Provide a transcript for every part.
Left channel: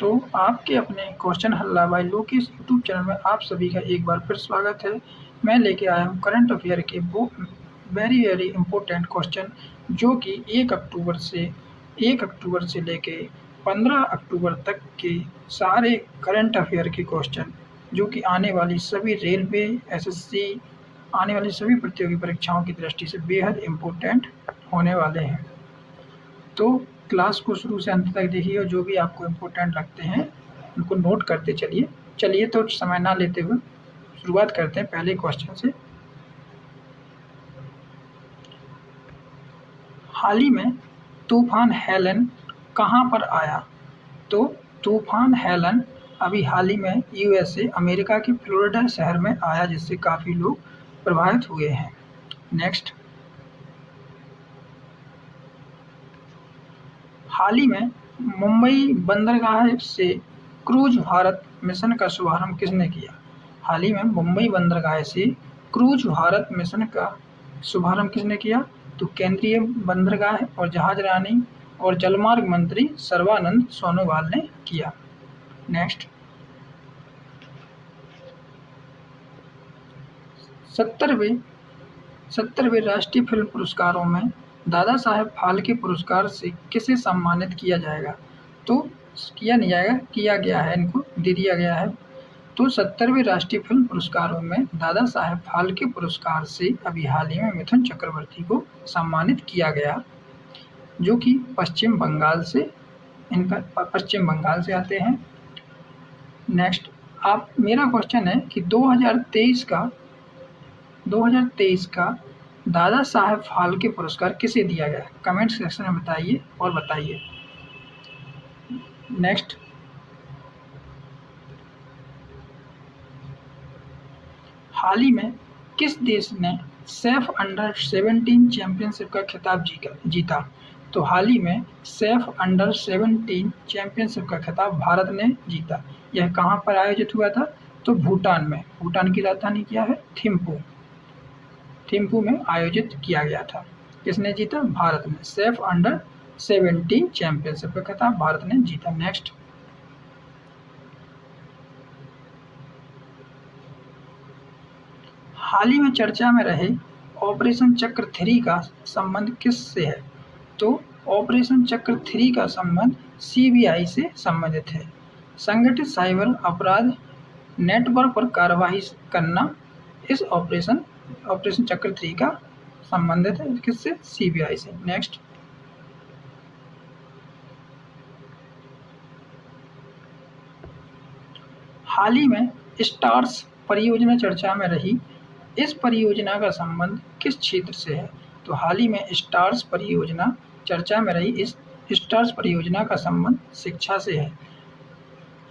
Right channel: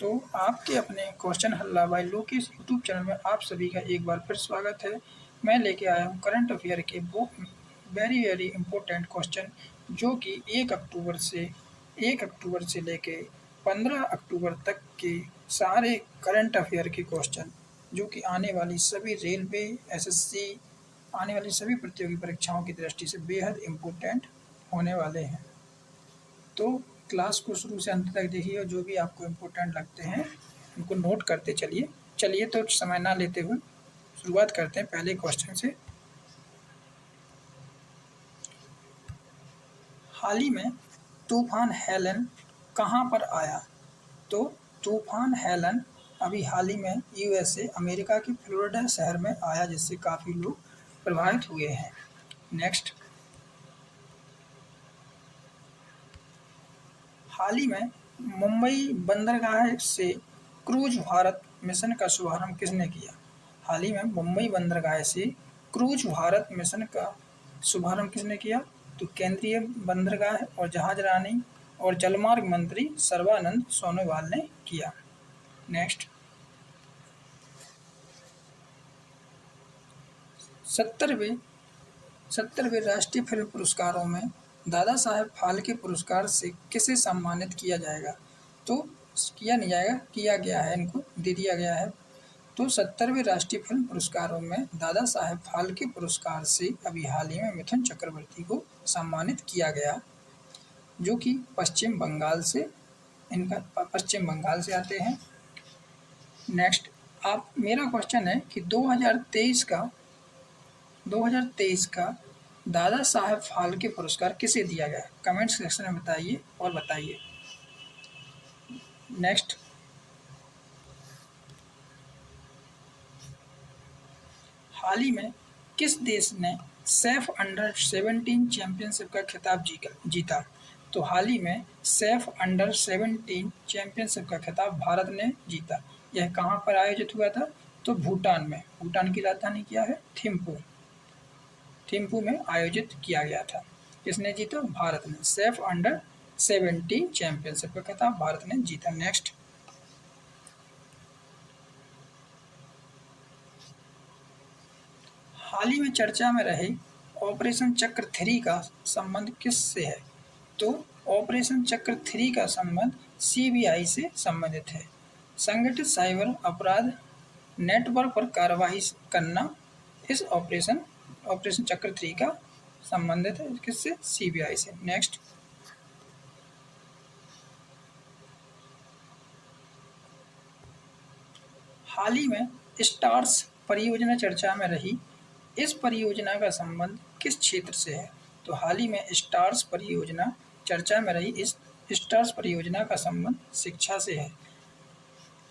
तो आपके अपने क्वेश्चन हल्ला बाय लोकेश यूट्यूब चैनल में आप सभी का एक बार फिर स्वागत है। मैं लेके आया हूँ करंट अफेयर के वो वेरी इम्पोर्टेंट क्वेश्चन जो कि 1 अक्टूबर से लेके 15 अक्टूबर तक के सारे करंट अफेयर के क्वेश्चन जो कि आने वाली सभी रेलवे, एसएससी, आने वाली सभी प्रतियोगी परीक्षाओं की दृष्टि से बेहद इम्पोर्टेंट होने वाले हैं। तो क्लास को शुरू से अंत तक देखिए और जो भी आपको इम्पोर्टेंट लगते हैं उनको नोट करते चलिए। चलिए तो समय ना लेते हुए शुरुआत करते हैं पहले क्वेश्चन से। हाल ही में तूफान हेलन कहाँ पर आया? तो तूफान हेलन अभी हाल ही में यूएसए अमेरिका के फ्लोरिडा शहर में आया, जिससे काफ़ी लोग प्रभावित हुए हैं। नेक्स्ट, हाल ही में मुंबई बंदरगाह से क्रूज भारत मिशन का शुभारंभ किसने किया? हाल ही में मुंबई बंदरगाह से क्रूज भारत मिशन का शुभारंभ किसने किया? तो केंद्रीय बंदरगाह और जहाजरानी और जलमार्ग मंत्री सर्बानंद सोनोवाल ने किया। नेक्स्ट, 70वें राष्ट्रीय फिल्म पुरस्कारों में दादा साहेब फाल्के पुरस्कार से किसे सम्मानित किया जाएगा? तो किया नहीं जाएगा, किया गया है, इनको दे दिया गया है। तो 70वें राष्ट्रीय फिल्म पुरस्कारों में दादा साहेब फाल्के पुरस्कार से अभी हाल ही में मिथुन चक्रवर्ती को सम्मानित किया गया, जो कि पश्चिम बंगाल से आते हैं। नेक्स्ट, मेरा क्वेश्चन है कि 2023 का दादा साहेब फाल्के पुरस्कार किसे दिया गया? कमेंट सेक्शन में बताइए और बताइए। नेक्स्ट, हाल ही में किस देश ने सैफ अंडर 17 चैंपियनशिप का खिताब जीता? तो हाल ही में सैफ अंडर 17 चैंपियनशिप का खिताब भारत ने जीता। यह कहाँ पर आयोजित हुआ था? तो भूटान में। भूटान की राजधानी क्या है? थिम्पू में आयोजित किया गया था। किसने जीता? भारत ने। सैफ अंडर 17 चैंपियनशिप का खिताब भारत ने जीता। नेक्स्ट, हाल ही में चर्चा में रहे ऑपरेशन चक्र 3 का संबंध किससे है? तो ऑपरेशन चक्र 3 का संबंध सीबीआई से संबंधित है। संगठित साइबर अपराध नेटवर्क पर कार्रवाई करना इस ऑपरेशन चक्र 3 का संबंधित है। किससे? सीबीआई से। नेक्स्ट, हाल ही में स्टार्स परियोजना चर्चा में रही, इस परियोजना का संबंध किस क्षेत्र से है? तो हाल ही में स्टार्स परियोजना चर्चा में रही, इस स्टार्स परियोजना का संबंध शिक्षा से है।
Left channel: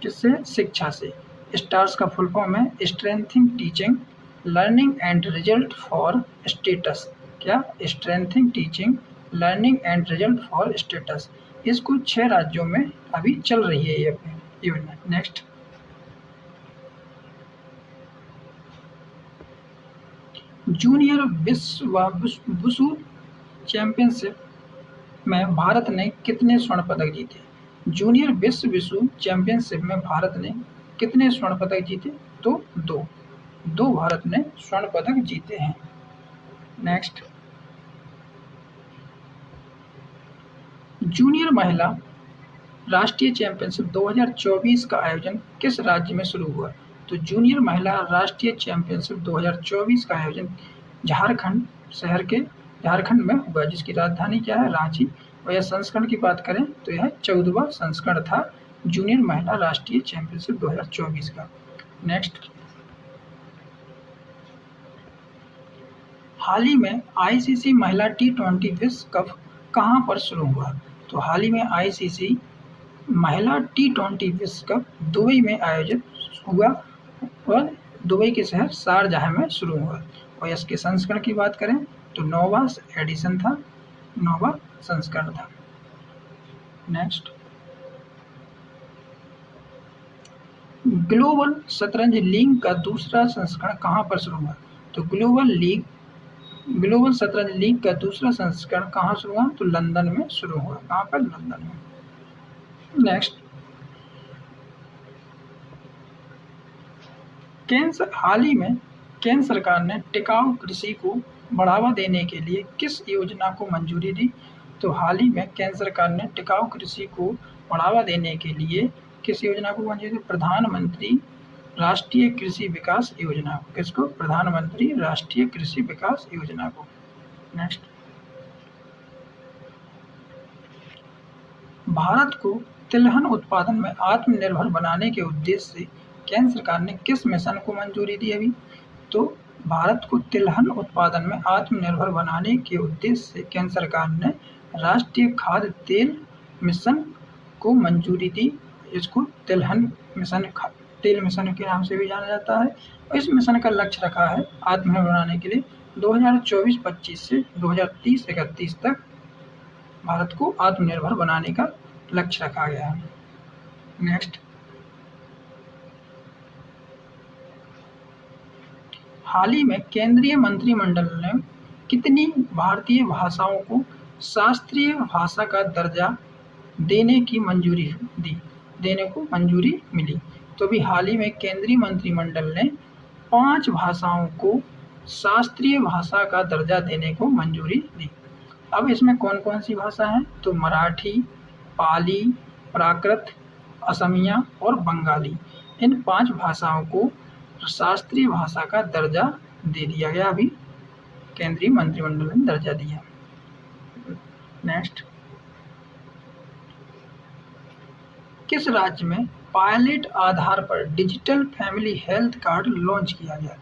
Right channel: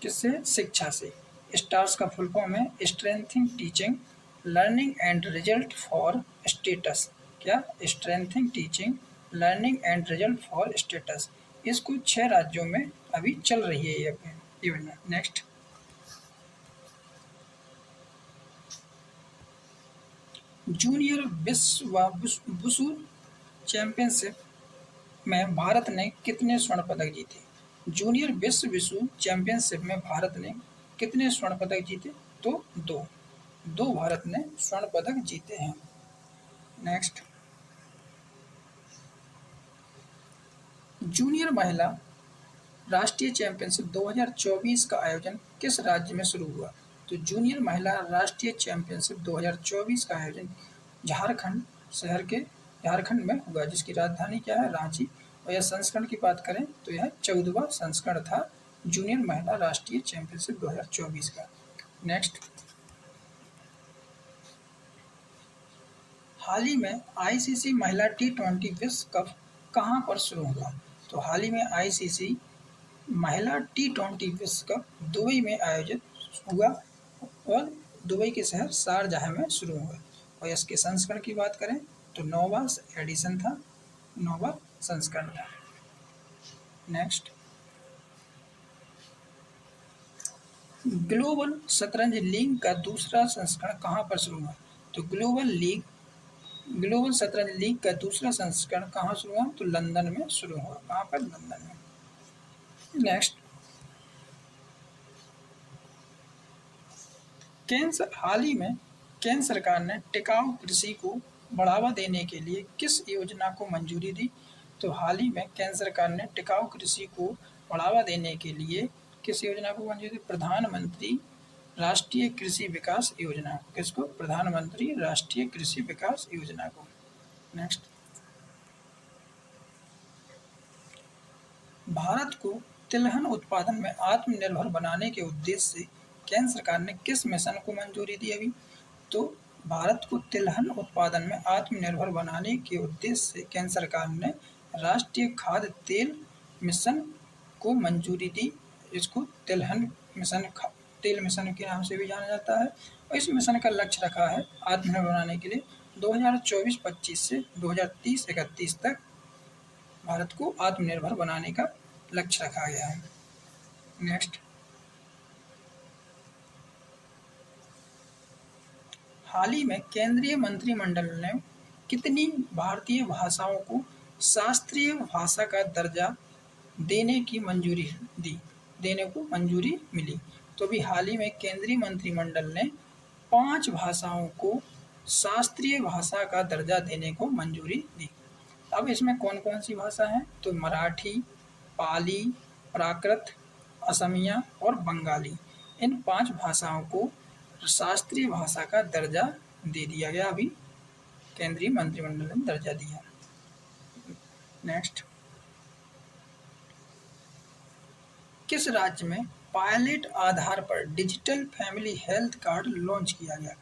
किससे? शिक्षा से। स्टार्स का फुल फॉर्म है strengthening teaching learning and result for states. क्या? Strengthening teaching learning and result for states. इसको 6 राज्यों में अभी चल रही है ये योजना। नेक्स्ट, जूनियर वुशु चैंपियनशिप में भारत ने कितने स्वर्ण पदक जीते? जूनियर वुशु चैंपियनशिप में भारत ने कितने स्वर्ण पदक जीते? तो 2 भारत ने स्वर्ण पदक जीते हैं। नेक्स्ट, जूनियर महिला राष्ट्रीय चैंपियनशिप 2024 का आयोजन किस राज्य में शुरू हुआ? तो जूनियर महिला राष्ट्रीय चैंपियनशिप 2024 का आयोजन झारखंड में हुआ, जिसकी राजधानी क्या है? रांची। और यह संस्करण की बात करें तो यह 14वां संस्करण था जूनियर महिला राष्ट्रीय चैंपियनशिप 2024 का। नेक्स्ट, हाल ही में आईसीसी महिला T20 विश्व कप कहाँ पर शुरू हुआ? तो हाल ही में आईसीसी महिला T20 विश्व कप दुबई में आयोजित हुआ और दुबई के शहर शारजाह में शुरू हुआ। और इसके संस्करण की बात करें तो 9वां एडिशन था, 9वां संस्करण था। नेक्स्ट, ग्लोबल शतरंज लीग का दूसरा संस्करण कहाँ पर शुरू हुआ? तो ग्लोबल शतरंज लीग का दूसरा संस्करण कहाँ शुरू हुआ? तो लंदन में शुरू हुआ। कहाँ पर? लंदन में। नेक्स्ट, हाल ही में केंद्र सरकार ने टिकाऊ कृषि को बढ़ावा देने के लिए किस योजना को मंजूरी दी? तो हाल ही में केंद्र सरकार ने टिकाऊ कृषि को बढ़ावा देने के लिए किस योजना को मंजूरी दी? प्रधानमंत्री राष्ट्रीय कृषि विकास योजना को। किसको? प्रधानमंत्री राष्ट्रीय कृषि विकास योजना को। नेक्स्ट, भारत को तिलहन उत्पादन में आत्मनिर्भर बनाने के उद्देश्य से केंद्र सरकार ने किस मिशन को मंजूरी दी अभी? तो भारत को तिलहन उत्पादन में आत्मनिर्भर बनाने के उद्देश्य से केंद्र सरकार ने राष्ट्रीय खाद्य तेल मिशन को मंजूरी दी। इसको तिलहन मिशन, तेल मिशन के नाम से भी जाना जाता है। और इस मिशन का लक्ष्य रखा है आत्मनिर्भर बनाने के लिए 2024-25 से 2030-31 तक भारत को आत्मनिर्भर बनाने का लक्ष्य रखा गया है। नेक्स्ट, हाल ही में केंद्रीय मंत्रिमंडल ने कितनी भारतीय भाषाओं को शास्त्रीय भाषा का दर्जा देने को मंजूरी मिली? तो अभी हाल ही में केंद्रीय मंत्रिमंडल ने 5 भाषाओं को शास्त्रीय भाषा का दर्जा देने को मंजूरी दी। अब इसमें कौन कौन सी भाषा हैं? तो मराठी, पाली, प्राकृत, असमिया और बंगाली, इन 5 भाषाओं को शास्त्रीय भाषा का दर्जा दे दिया गया। अभी केंद्रीय मंत्रिमंडल ने दर्जा दिया। नेक्स्ट, किस राज्य में पायलट आधार पर digital family health card launch किया गया?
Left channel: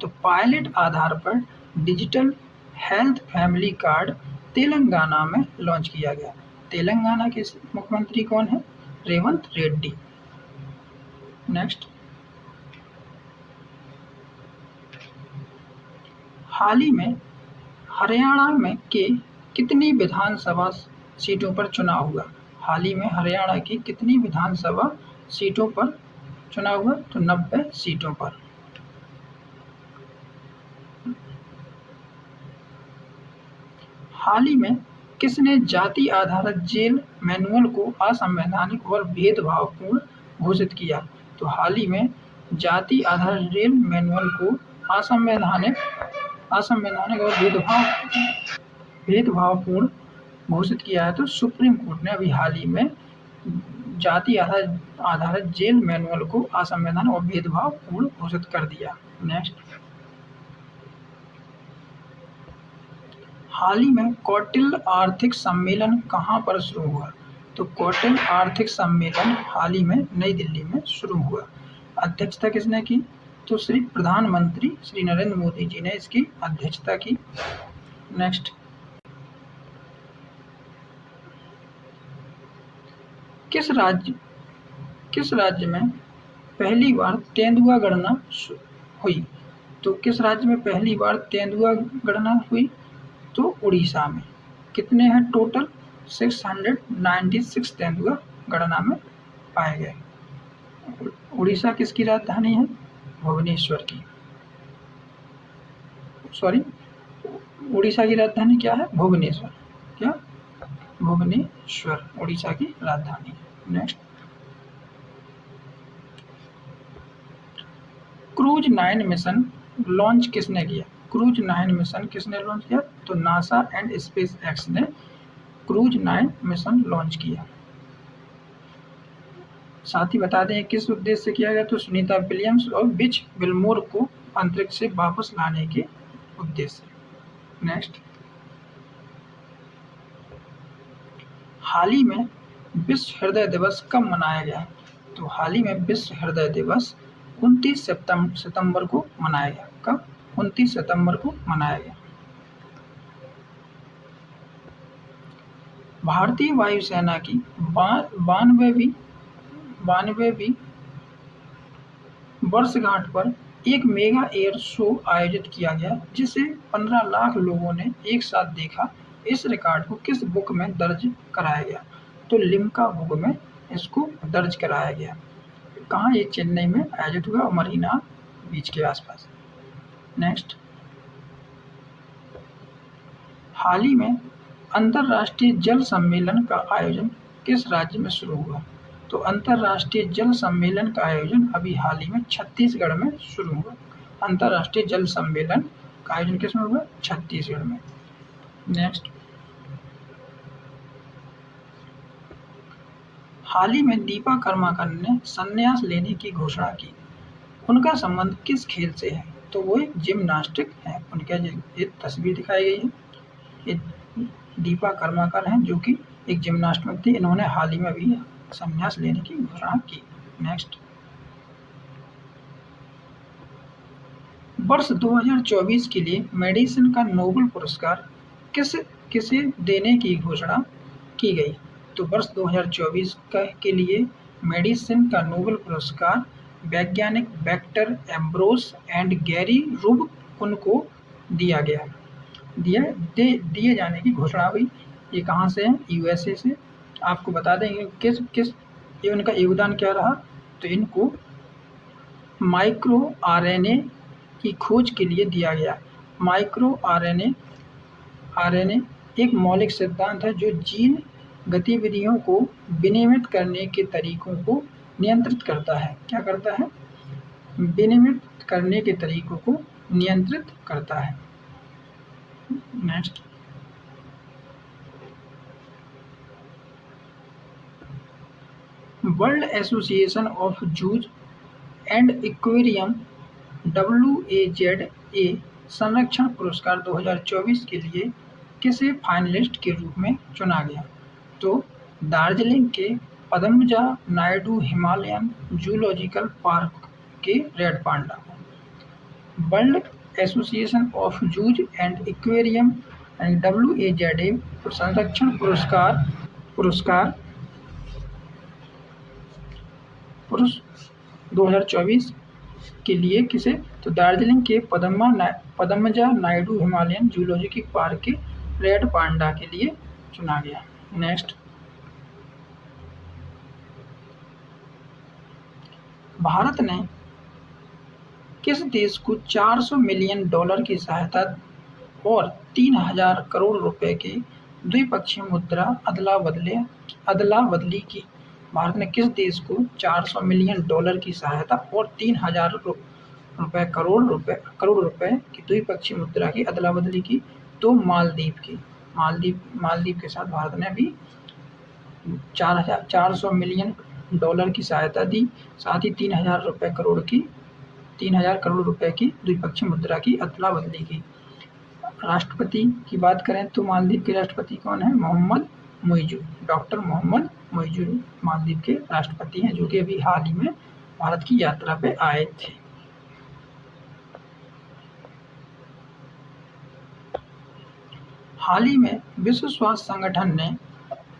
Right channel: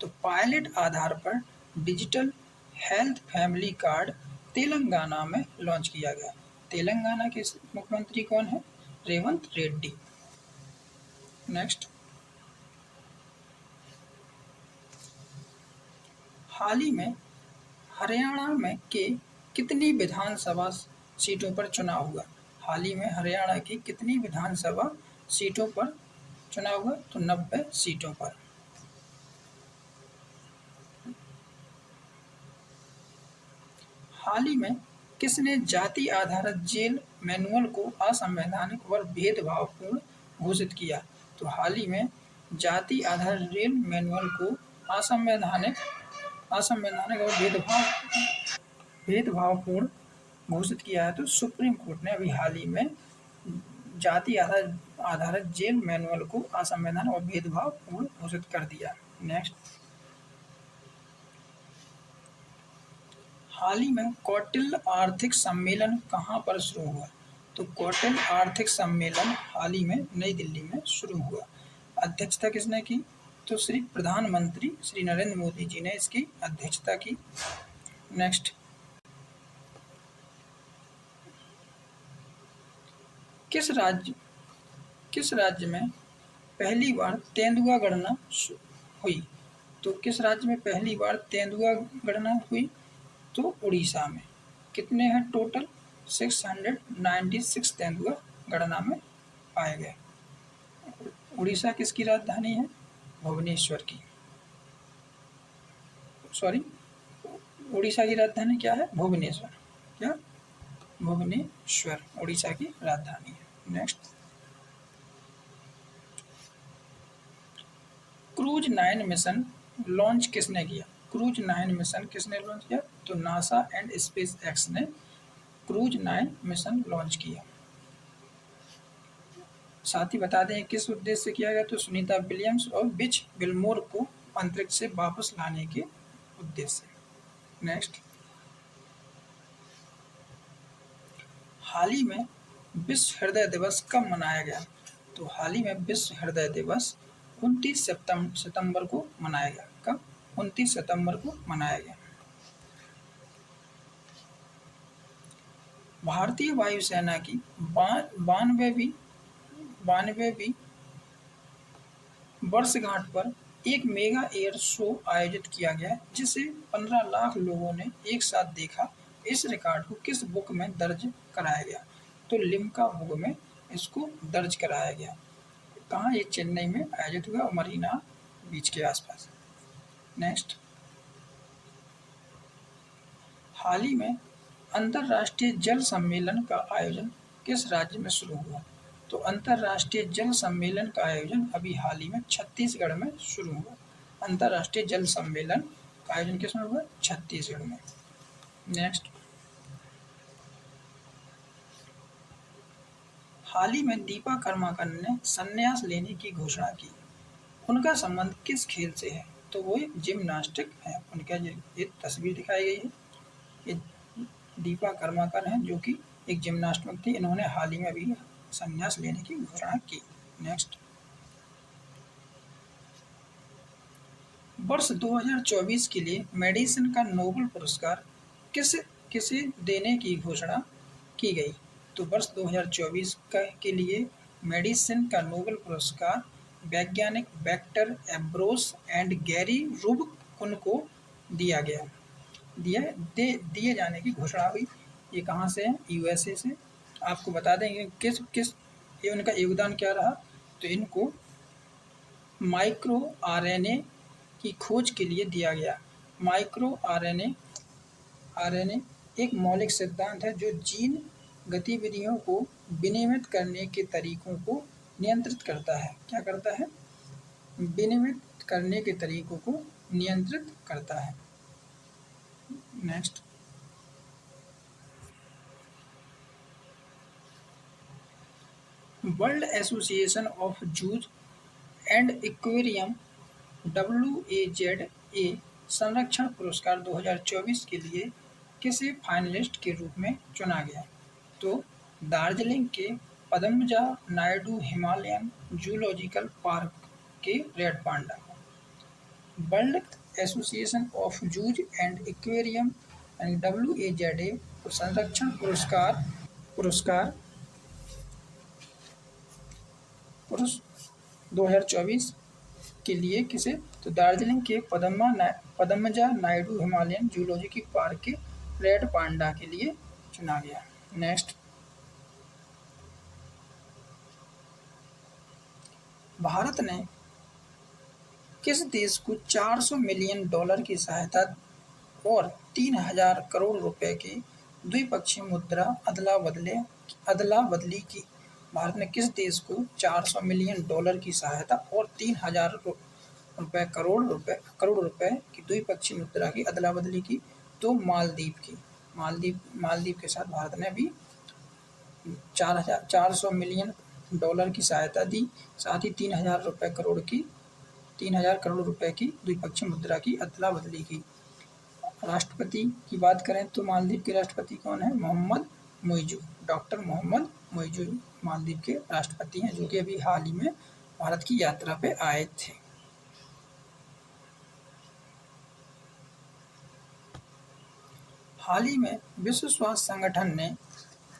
तो पायलट आधार पर digital health family card Telangana में लॉन्च किया गया। तेलंगाना के मुख्यमंत्री कौन है? रेवंत रेड्डी। नेक्स्ट, हाल ही में हरियाणा में के कितनी विधानसभा सीटों पर चुनाव हुआ? हाल ही में हरियाणा की कितनी विधानसभा सीटों पर चुनाव हुआ? तो 90 सीटों पर। हाल ही में किसने जाति आधारित जेल मैनुअल को असंवैधानिक और भेदभावपूर्ण घोषित किया? तो हाल ही में जाति आधारित जेल मैनुअल को असंवैधानिक और भेदभावपूर्ण घोषित किया है। तो सुप्रीम कोर्ट ने अभी हाल ही में जाति आधारित जेल मैनुअल को असंवैधानिक और भेदभावपूर्ण घोषित कर दिया। नेक्स्ट, हाल ही में कौटिल्य आर्थिक सम्मेलन कहाँ पर शुरू हुआ? तो कौटिल्य आर्थिक सम्मेलन हाल ही में नई दिल्ली में शुरू हुआ। अध्यक्षता किसने की? तो श्री प्रधानमंत्री श्री नरेंद्र मोदी जी ने इसकी अध्यक्षता की। नेक्स्ट, किस राज्य में पहली बार तेंदुआ गणना हुई? तो किस राज्य में पहली बार तेंदुआ गणना हुई? तो उड़ीसा में। कितने हैं टोटल? 696 तेंदुआ गणना में पाए गए। उड़ीसा किसकी राजधानी है? भुवनेश्वर की। सॉरी, उड़ीसा की राजधानी क्या है? भुवनेश्वर। क्या? भुवनेश्वर उड़ीसा की राजधानी है। नेक्स्ट, क्रूज 9 मिशन लॉन्च किसने किया? क्रूज 9 मिशन किसने लॉन्च किया? तो नासा एंड स्पेस एक्स ने क्रूज 9 मिशन लॉन्च किया। साथ ही बता दें किस उद्देश्य से किया गया? तो सुनीता विलियम्स और बिच विलमोर को अंतरिक्ष से वापस लाने के उद्देश्य से। नेक्स्ट, हाल ही में विश्व हृदय दिवस कब मनाया गया? तो हाल ही में विश्व हृदय दिवस 29 सितंबर को मनाया गया। कब? 29 सितंबर को मनाया गया। भारतीय वायुसेना की 92वीं वर्षगांठ पर एक मेगा एयर शो आयोजित किया गया जिसे 15 लाख लोगों ने एक साथ देखा। इस रिकॉर्ड को किस बुक में दर्ज कराया गया? तो लिम्का बुक में इसको दर्ज कराया गया। कहाँ? ये चेन्नई में आयोजित हुआ, मरीना बीच के आसपास। नेक्स्ट, हाल ही में अंतर्राष्ट्रीय जल सम्मेलन का आयोजन किस राज्य में शुरू हुआ? तो तो अंतर्राष्ट्रीय जल सम्मेलन का आयोजन अभी हाल ही में छत्तीसगढ़ में शुरू हुआ। अंतर्राष्ट्रीय जल सम्मेलन का आयोजन किसमें हुआ? छत्तीसगढ़ में। नेक्स्ट, हाल ही में दीपा कर्माकर ने संन्यास लेने की घोषणा की। उनका संबंध किस खेल से है? तो वो एक जिम्नास्टिक है। उनके ये तस्वीर दिखाई गई है, ये दीपा कर्माकर हैं जो कि एक जिम्नास्ट थी। इन्होंने हाल ही में भी संन्यास लेने की घोषणा की। नेक्स्ट, वर्ष 2024 के लिए मेडिसिन का नोबेल पुरस्कार किसे देने की घोषणा की गई? तो वर्ष 2024 के लिए मेडिसिन का नोबेल पुरस्कार वैज्ञानिक vector Ambrose and Gary Rubik को दिए जाने की घोषणा हुई। ये कहाँ से है? यूएसए से। आपको बता देंगे किस ये उनका योगदान क्या रहा। तो इनको माइक्रो आरएनए की खोज के लिए दिया गया। माइक्रो आरएनए एक मौलिक सिद्धांत है जो जीन गतिविधियों को विनियमित करने के तरीकों को नियंत्रित करता है। क्या करता है? विनियमित करने के तरीकों को नियंत्रित करता है। Next, world association of Juj and aquarium WAZA संरक्षण पुरस्कार 2024 के लिए किसे फाइनलिस्ट के रूप में चुना गया? तो दार्जिलिंग के Padmaja Naidu Himalayan Zoological Park के red panda. World association of Juj and aquarium WAZA संरक्षण पुरस्कार 2024 के लिए किसे? तो दार्जिलिंग के Padmaja Naidu Himalayan Zoological Park के रेड पांडा के लिए चुना गया। नेक्स्ट, भारत ने किस देश को $400 मिलियन की सहायता और 3000 करोड़ रुपए की द्विपक्षीय मुद्रा अदला बदली की? भारत ने किस देश को $400 मिलियन की सहायता और 3000 करोड़ रुपए की द्विपक्षीय मुद्रा की अदला बदली की? तो मालदीव की। मालदीव के साथ भारत ने अभी 400 मिलियन डॉलर की सहायता दी, साथ ही 3000 करोड़ रुपए की द्विपक्षीय मुद्रा की अदला बदली की। राष्ट्रपति की बात करें तो मालदीव के राष्ट्रपति कौन है? मोहम्मद मुइज़ू। डॉक्टर मोहम्मद मुइज़ू मालदीव के राष्ट्रपति हैं जो कि अभी हाल ही में भारत की यात्रा पे आए थे। हाल ही में विश्व स्वास्थ्य संगठन ने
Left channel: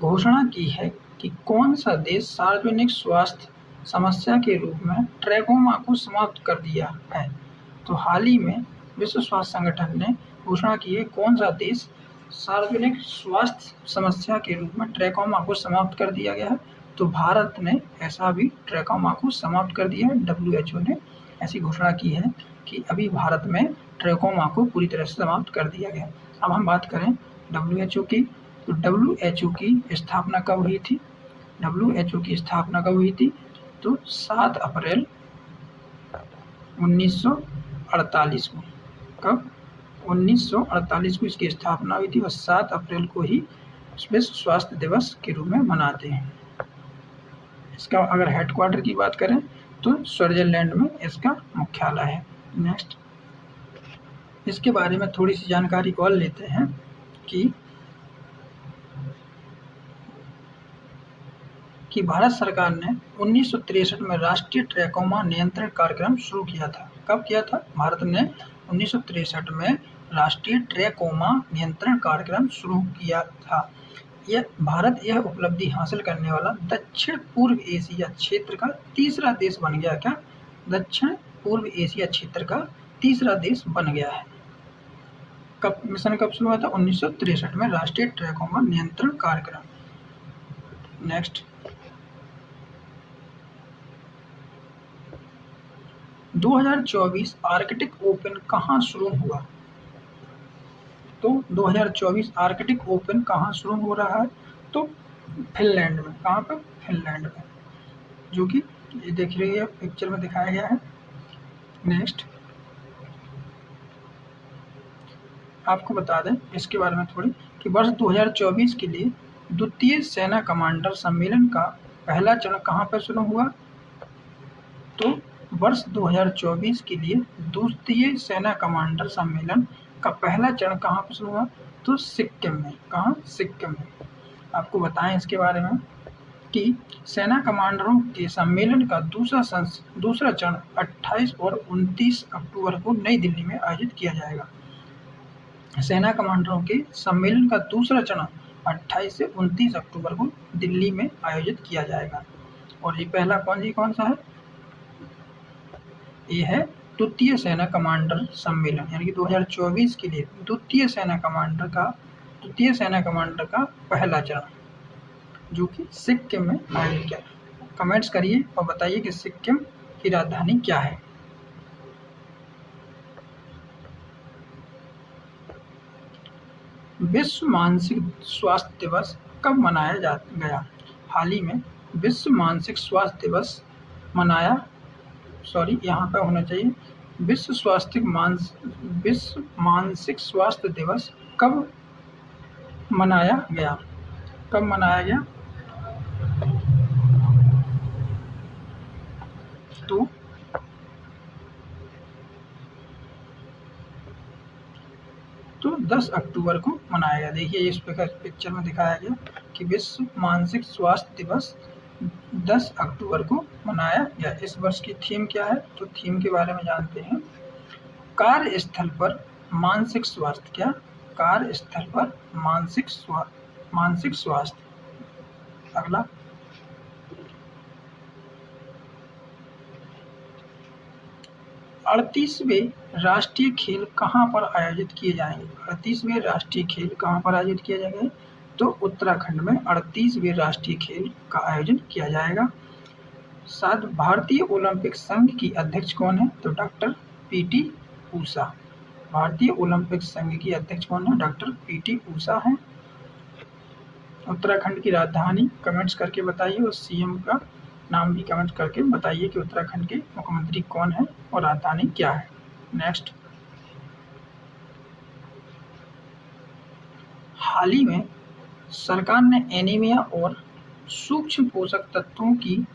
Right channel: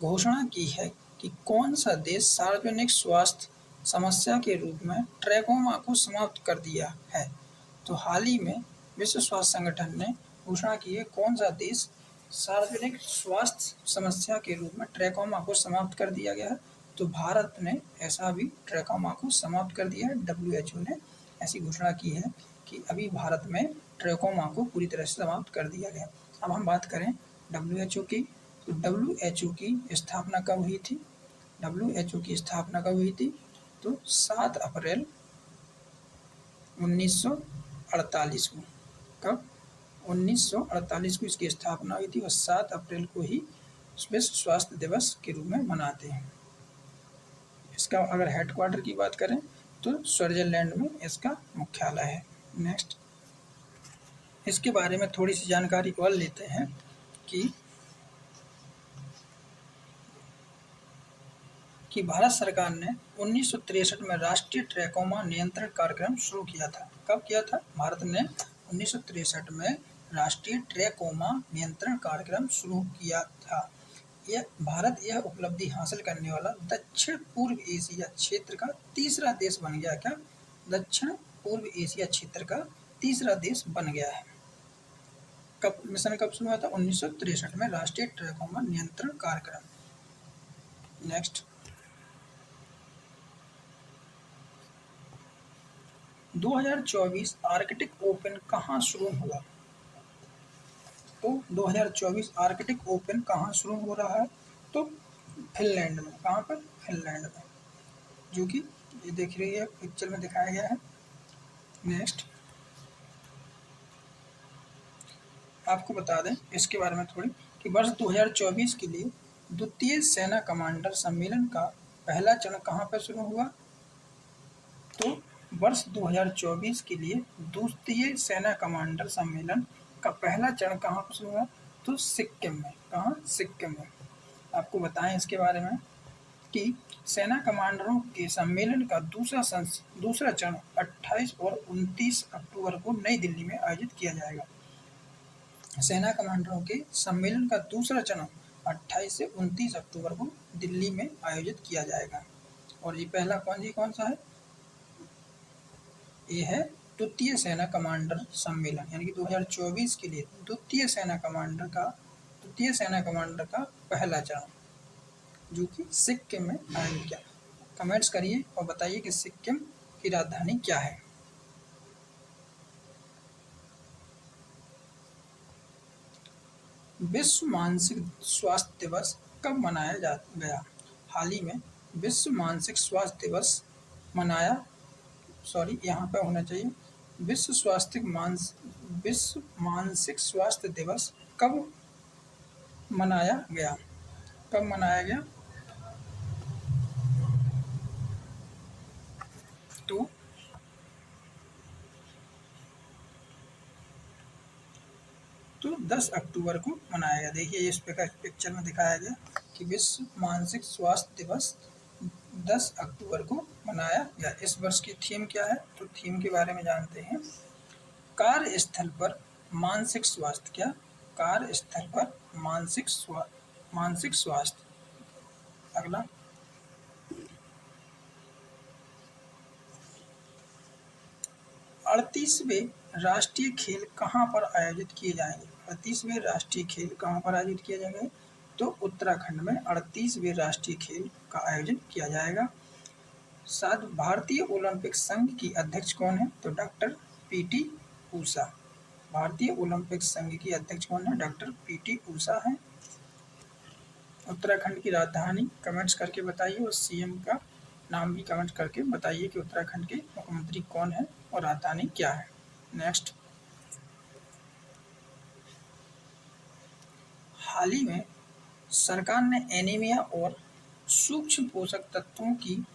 घोषणा की है कि कौन सा देश सार्वजनिक स्वास्थ्य समस्या के रूप में ट्रैकोमा को समाप्त कर दिया है? तो हाल ही में विश्व स्वास्थ्य संगठन ने घोषणा की है कौन सा देश सार्वजनिक स्वास्थ्य समस्या के रूप में ट्रैकोमा को समाप्त कर दिया गया है? तो भारत ने ऐसा भी ट्रैकोमा को समाप्त कर दिया है। WHO ने ऐसी घोषणा की है कि अभी भारत में ट्रैकोमा को पूरी तरह से समाप्त कर दिया गया। अब हम बात करें WHO की, तो WHO की स्थापना कब हुई थी? WHO की स्थापना कब हुई थी? तो 7 अप्रैल 1948 को। कब? 1948 को इसकी स्थापना हुई थी और 7 अप्रैल को ही विश्व स्वास्थ्य दिवस के रूप में मनाते हैं। इसका अगर हेडक्वार्टर की बात करें तो स्विट्जरलैंड में इसका मुख्यालय है। नेक्स्ट, इसके बारे में थोड़ी सी जानकारी और लेते हैं कि भारत सरकार ने 1963 में राष्ट्रीय ट्रैकोमा नियंत्रण कार्यक्रम शुरू किया था। कब किया था? भारत ने 1963 में राष्ट्रीय ट्रैकोमा नियंत्रण कार्यक्रम शुरू किया था। भारत यह उपलब्धि हासिल करने वाला दक्षिण पूर्व एशिया क्षेत्र का तीसरा देश बन गया। क्या? दक्षिण पूर्व एशिया क्षेत्र का तीसरा देश बन गया है। कब मिशन कब शुरू हुआ था? 1963 में राष्ट्रीय ट्रैकोमा नियंत्रण कार्यक्रम। नेक्स्ट, 2024 आर्कटिक ओपन कहाँ शुरू हुआ? तो 2024 आर्कटिक ओपन कहाँ शुरू हो रहा है? तो फिनलैंड में। कहाँ पर? फिनलैंड में। जो कि ये देख रही है पिक्चर में दिखाया गया है। नेक्स्ट आपको बता दें इसके बारे में थोड़ी कि वर्ष 2024 के लिए द्वितीय सेना कमांडर सम्मेलन का पहला चरण कहाँ पर शुरू हुआ? तो वर्ष 2024 के लिए द्वितीय सेना कमांडर सम्मेलन का पहला चरण कहाँ पर शुरू हुआ? तो सिक्किम में। कहाँ? सिक्किम में। आपको बताएं इसके बारे में कि सेना कमांडरों के सम्मेलन का दूसरा चरण 28 और 29 अक्टूबर को नई दिल्ली में आयोजित किया जाएगा। सेना कमांडरों के सम्मेलन का दूसरा चरण 28 से 29 अक्टूबर को दिल्ली में आयोजित किया जाएगा। और ये पहला कौन सा है? ये है द्वितीय सेना कमांडर सम्मेलन, यानी कि 2024 के लिए द्वितीय सेना कमांडर का पहला चरण जो कि सिक्किम में आयोजित किया। कमेंट्स करिए और बताइए कि सिक्किम की राजधानी क्या है। विश्व मानसिक स्वास्थ्य दिवस कब मनाया गया? हाल ही में विश्व मानसिक स्वास्थ्य दिवस यहाँ पे होना चाहिए विश्व मानसिक स्वास्थ्य दिवस कब मनाया गया? कब मनाया गया? तो 10 अक्टूबर को मनाया गया। देखिए इस पिक्चर में दिखाया गया कि विश्व मानसिक स्वास्थ्य दिवस 10 अक्टूबर को मनाया गया। इस वर्ष की थीम क्या है? तो थीम के बारे में जानते हैं। कार्यस्थल पर मानसिक स्वास्थ्य। क्या? कार्यस्थल पर मानसिक स्वास्थ्य। अगला 38वें राष्ट्रीय खेल कहाँ पर आयोजित किए जाएंगे? 38वें राष्ट्रीय खेल कहाँ पर आयोजित किए जाएंगे? तो उत्तराखंड में 38वें राष्ट्रीय खेल का आयोजन किया जाएगा। साथ भारतीय ओलंपिक संघ की अध्यक्ष कौन है? तो डॉक्टर पीटी ऊषा। भारतीय ओलंपिक संघ की अध्यक्ष कौन है? डॉक्टर पीटी ऊषा है। उत्तराखंड की राजधानी कमेंट्स करके बताइए और सीएम का नाम भी कमेंट करके बताइए कि उत्तराखंड के मुख्यमंत्री कौन है और राजधानी क्या है। नेक्स्ट, हाल ही में सरकार ने एनीमिया और सूक्ष्म पोषक तत्वों की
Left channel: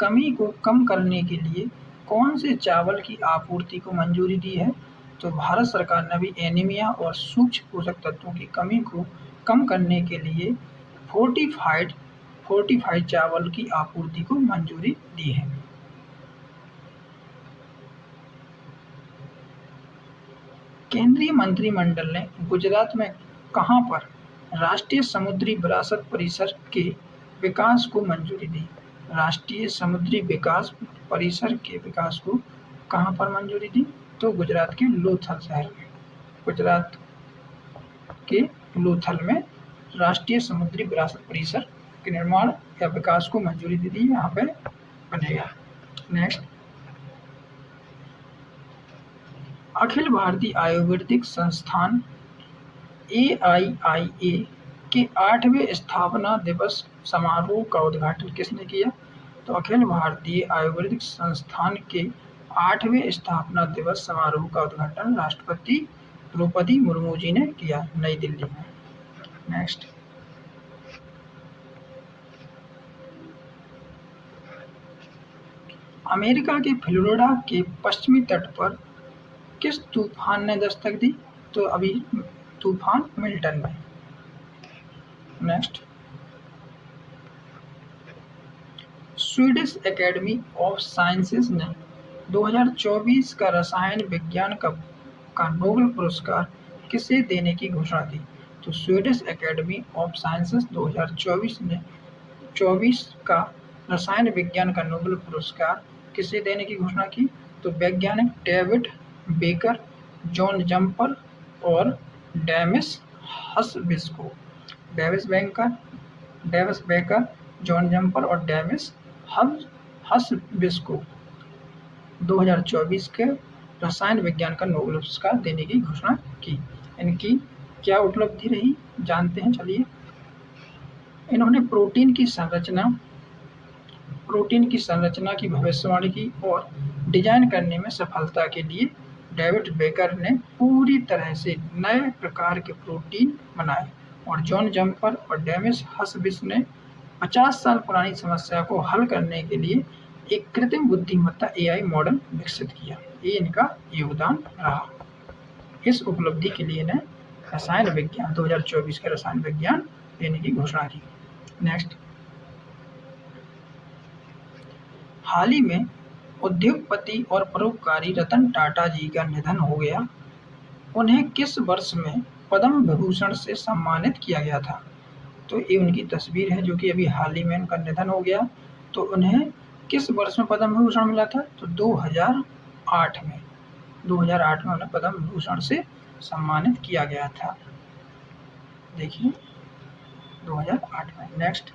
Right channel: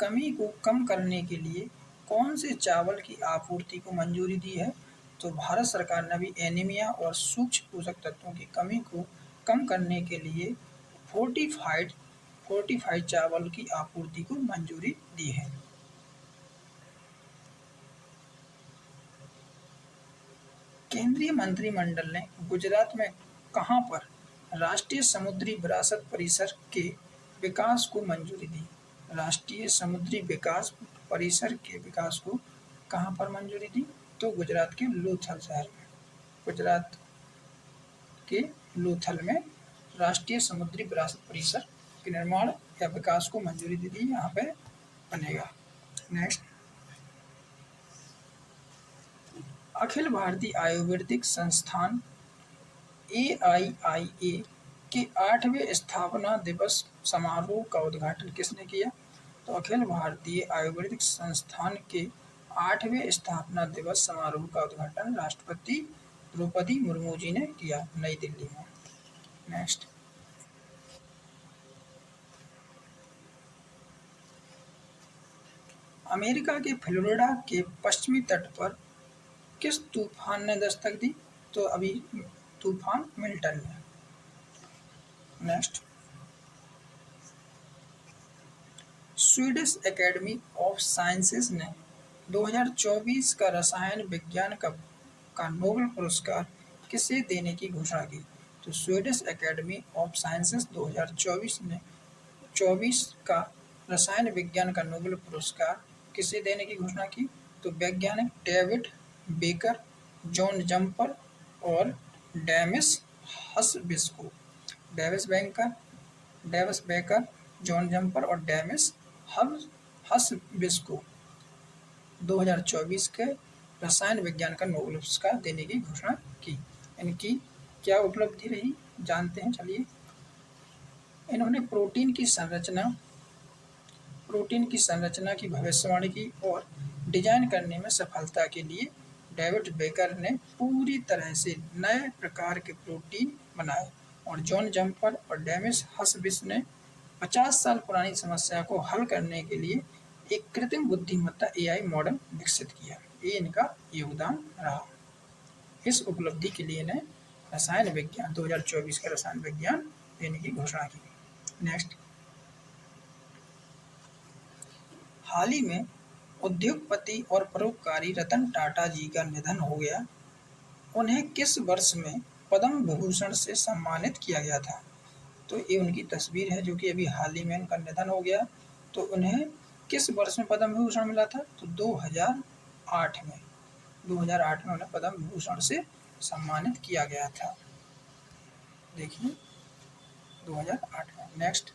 कमी को कम करने के लिए कौन से चावल की आपूर्ति को मंजूरी दी है? तो भारत सरकार ने अभी एनीमिया और सूक्ष्म पोषक तत्वों की कमी को कम करने के लिए फोर्टिफाइड चावल की आपूर्ति को मंजूरी दी है। केंद्रीय मंत्रिमंडल ने गुजरात में कहां पर राष्ट्रीय समुद्री विरासत परिसर के विकास को मंजूरी दी? राष्ट्रीय समुद्री विकास परिसर के विकास को कहां पर मंजूरी दी? तो गुजरात के लोथल शहर में। गुजरात के लोथल में राष्ट्रीय समुद्री विरासत परिसर के निर्माण या विकास को मंजूरी दी थी। यहाँ पे बनेगा। नेक्स्ट, अखिल भारतीय आयुर्वेदिक संस्थान AIIA के 8वें स्थापना दिवस समारोह का उद्घाटन किसने किया? तो अखिल भारतीय आयुर्वेदिक संस्थान के 8वें स्थापना दिवस समारोह का उद्घाटन राष्ट्रपति द्रौपदी मुर्मू जी ने किया नई दिल्ली में। नेक्स्ट, अमेरिका के फ्लोरिडा के पश्चिमी तट पर किस तूफान ने दस्तक दी? तो अभी तूफान मिल्टन में। Next, Swedish academy of sciences ने 2024 का रसायन विज्ञान का नोबेल पुरस्कार किसे देने की घोषणा की? तो स्वीडिश एकेडमी ऑफ साइंसेज 2024 का रसायन विज्ञान का नोबेल पुरस्कार किसे देने की घोषणा की? तो वैज्ञानिक डेविड बेकर, जॉन जम्पर और डेविस हसबिस्को। डेविस बेकर, जॉन जम्पर और डेविस हसबिस्को 2024 के रसायन विज्ञान का नोबेल पुरस्कार देने की घोषणा की। इनकी क्या उपलब्धि रही जानते हैं। चलिए, इन्होंने प्रोटीन की संरचना प्रोटीन की संरचना की भविष्यवाणी की और डिजाइन करने में सफलता के लिए डेविड बेकर ने पूरी तरह से नए प्रकार के प्रोटीन बनाए और जॉन जम्पर और डेमिस हसबिस ने 50 साल पुरानी समस्या को हल करने के लिए एक कृत्रिम बुद्धिमत्ता एआई मॉडल विकसित किया। ये इनका योगदान रहा। इस उपलब्धि के लिए इन्हें रसायन विज्ञान 2024 के रसायन विज्ञान देने की घोषणा की। नेक्स्ट, हाल ही में उद्योगपति और परोपकारी रतन टाटा जी का निधन हो गया। उन्हें किस वर्ष में पद्म विभूषण से सम्मानित किया गया था? तो ये उनकी तस्वीर है जो कि अभी हाल ही में उनका निधन हो गया। तो उन्हें किस वर्ष में पद्म विभूषण मिला था? तो 2008 में। 2008 में उन्हें पद्म विभूषण से सम्मानित किया गया था। देखिए 2008 में। नेक्स्ट,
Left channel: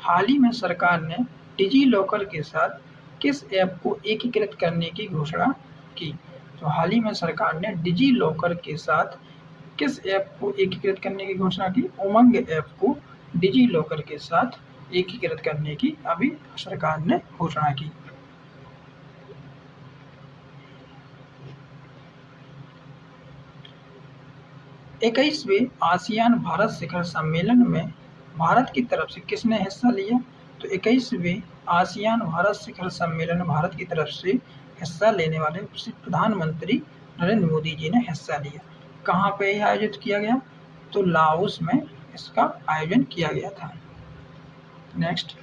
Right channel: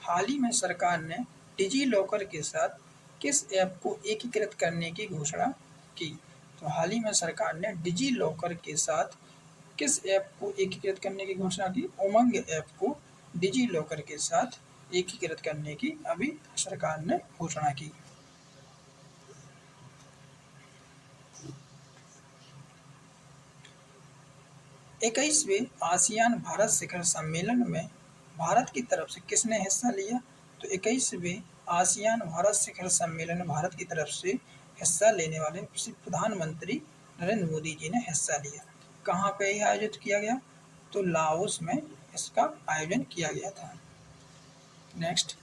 हाल ही में सरकार ने डिजी लॉकर के साथ किस ऐप को एकीकृत करने की घोषणा की? तो हाल ही में सरकार ने डिजी लॉकर के साथ किस ऐप को एकीकृत करने की घोषणा की? उमंग ऐप को डिजी लॉकर के साथ एकीकृत करने की अभी सरकार ने घोषणा की। इक्कीसवें आसियान भारत शिखर सम्मेलन में भारत की तरफ से किसने हिस्सा लिया? तो 21वें आसियान भारत शिखर सम्मेलन में भारत की तरफ से हिस्सा लेने वाले प्रधानमंत्री नरेंद्र मोदी जी ने हिस्सा लिया। कहाँ पे यह आयोजित किया गया? तो लाओस में इसका आयोजन किया गया था। नेक्स्ट,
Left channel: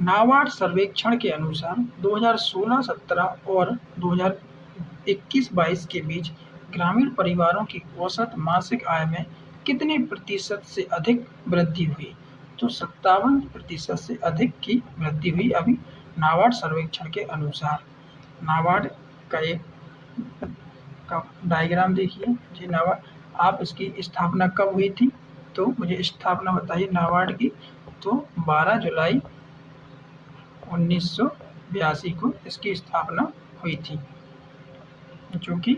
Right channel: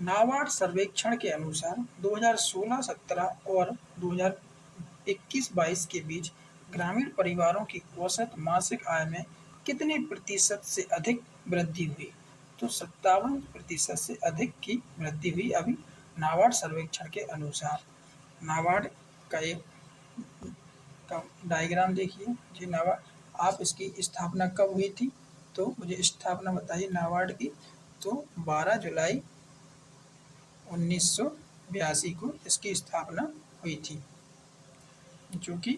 नाबार्ड सर्वेक्षण के अनुसार 2016-17 और 2021-22 के बीच ग्रामीण परिवारों की औसत मासिक आय में कितने प्रतिशत से अधिक वृद्धि हुई? तो 57% से अधिक की वृद्धि हुई अभी नाबार्ड सर्वेक्षण के अनुसार। नाबार्ड का एक का डायग्राम देखिए जी। नाबार्ड, आप इसकी स्थापना कब हुई थी? तो मुझे स्थापना बताइए नाबार्ड की। तो 12 जुलाई 1982 को इसकी स्थापना हुई थी, जो कि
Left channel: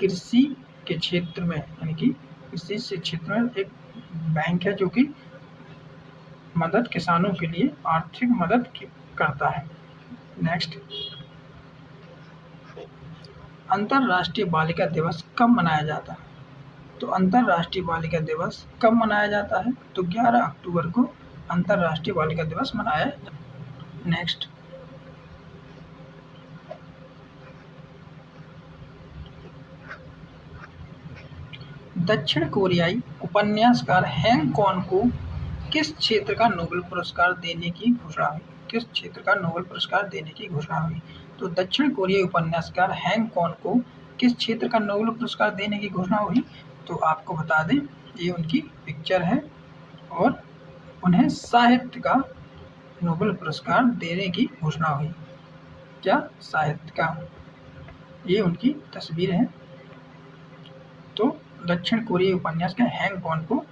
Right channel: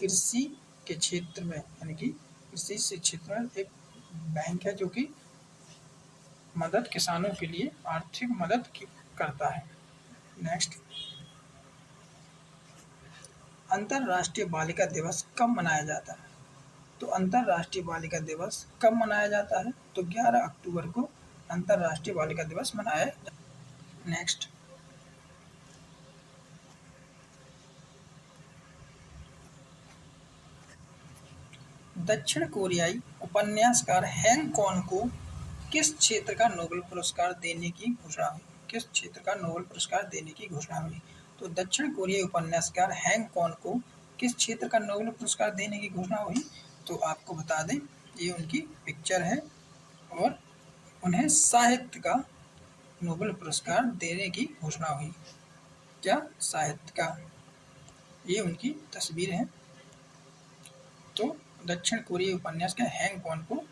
कृषि के क्षेत्र में यानी कि कृषि से क्षेत्र में एक बैंक है जो कि मदद किसानों के लिए आर्थिक मदद करता है। नेक्स्ट, अंतर्राष्ट्रीय बालिका दिवस कब मनाया जाता है? तो अंतर्राष्ट्रीय बालिका दिवस कब मनाया जाता है? तो 11 अक्टूबर को अंतर्राष्ट्रीय बालिका दिवस मनाया जाता है। नेक्स्ट, दक्षिण कोरियाई उपन्यासकार हैंग कॉन को किस क्षेत्र का नोबेल पुरस्कार देने की घोषणा हुई? किस क्षेत्र का नोबेल पुरस्कार देने की घोषणा हुई? तो दक्षिण कोरियाई उपन्यासकार हैंग कॉन को किस क्षेत्र का नोबेल पुरस्कार देने की घोषणा हुई? तो आपको बता दें ये उनकी पिक्चर है और उन्हें साहित्य का नोबेल पुरस्कार देने की घोषणा हुई। क्या? साहित्य का। ये उनकी तस्वीर है। तो दक्षिण कोरियाई उपन्यासकार हैंग कॉन को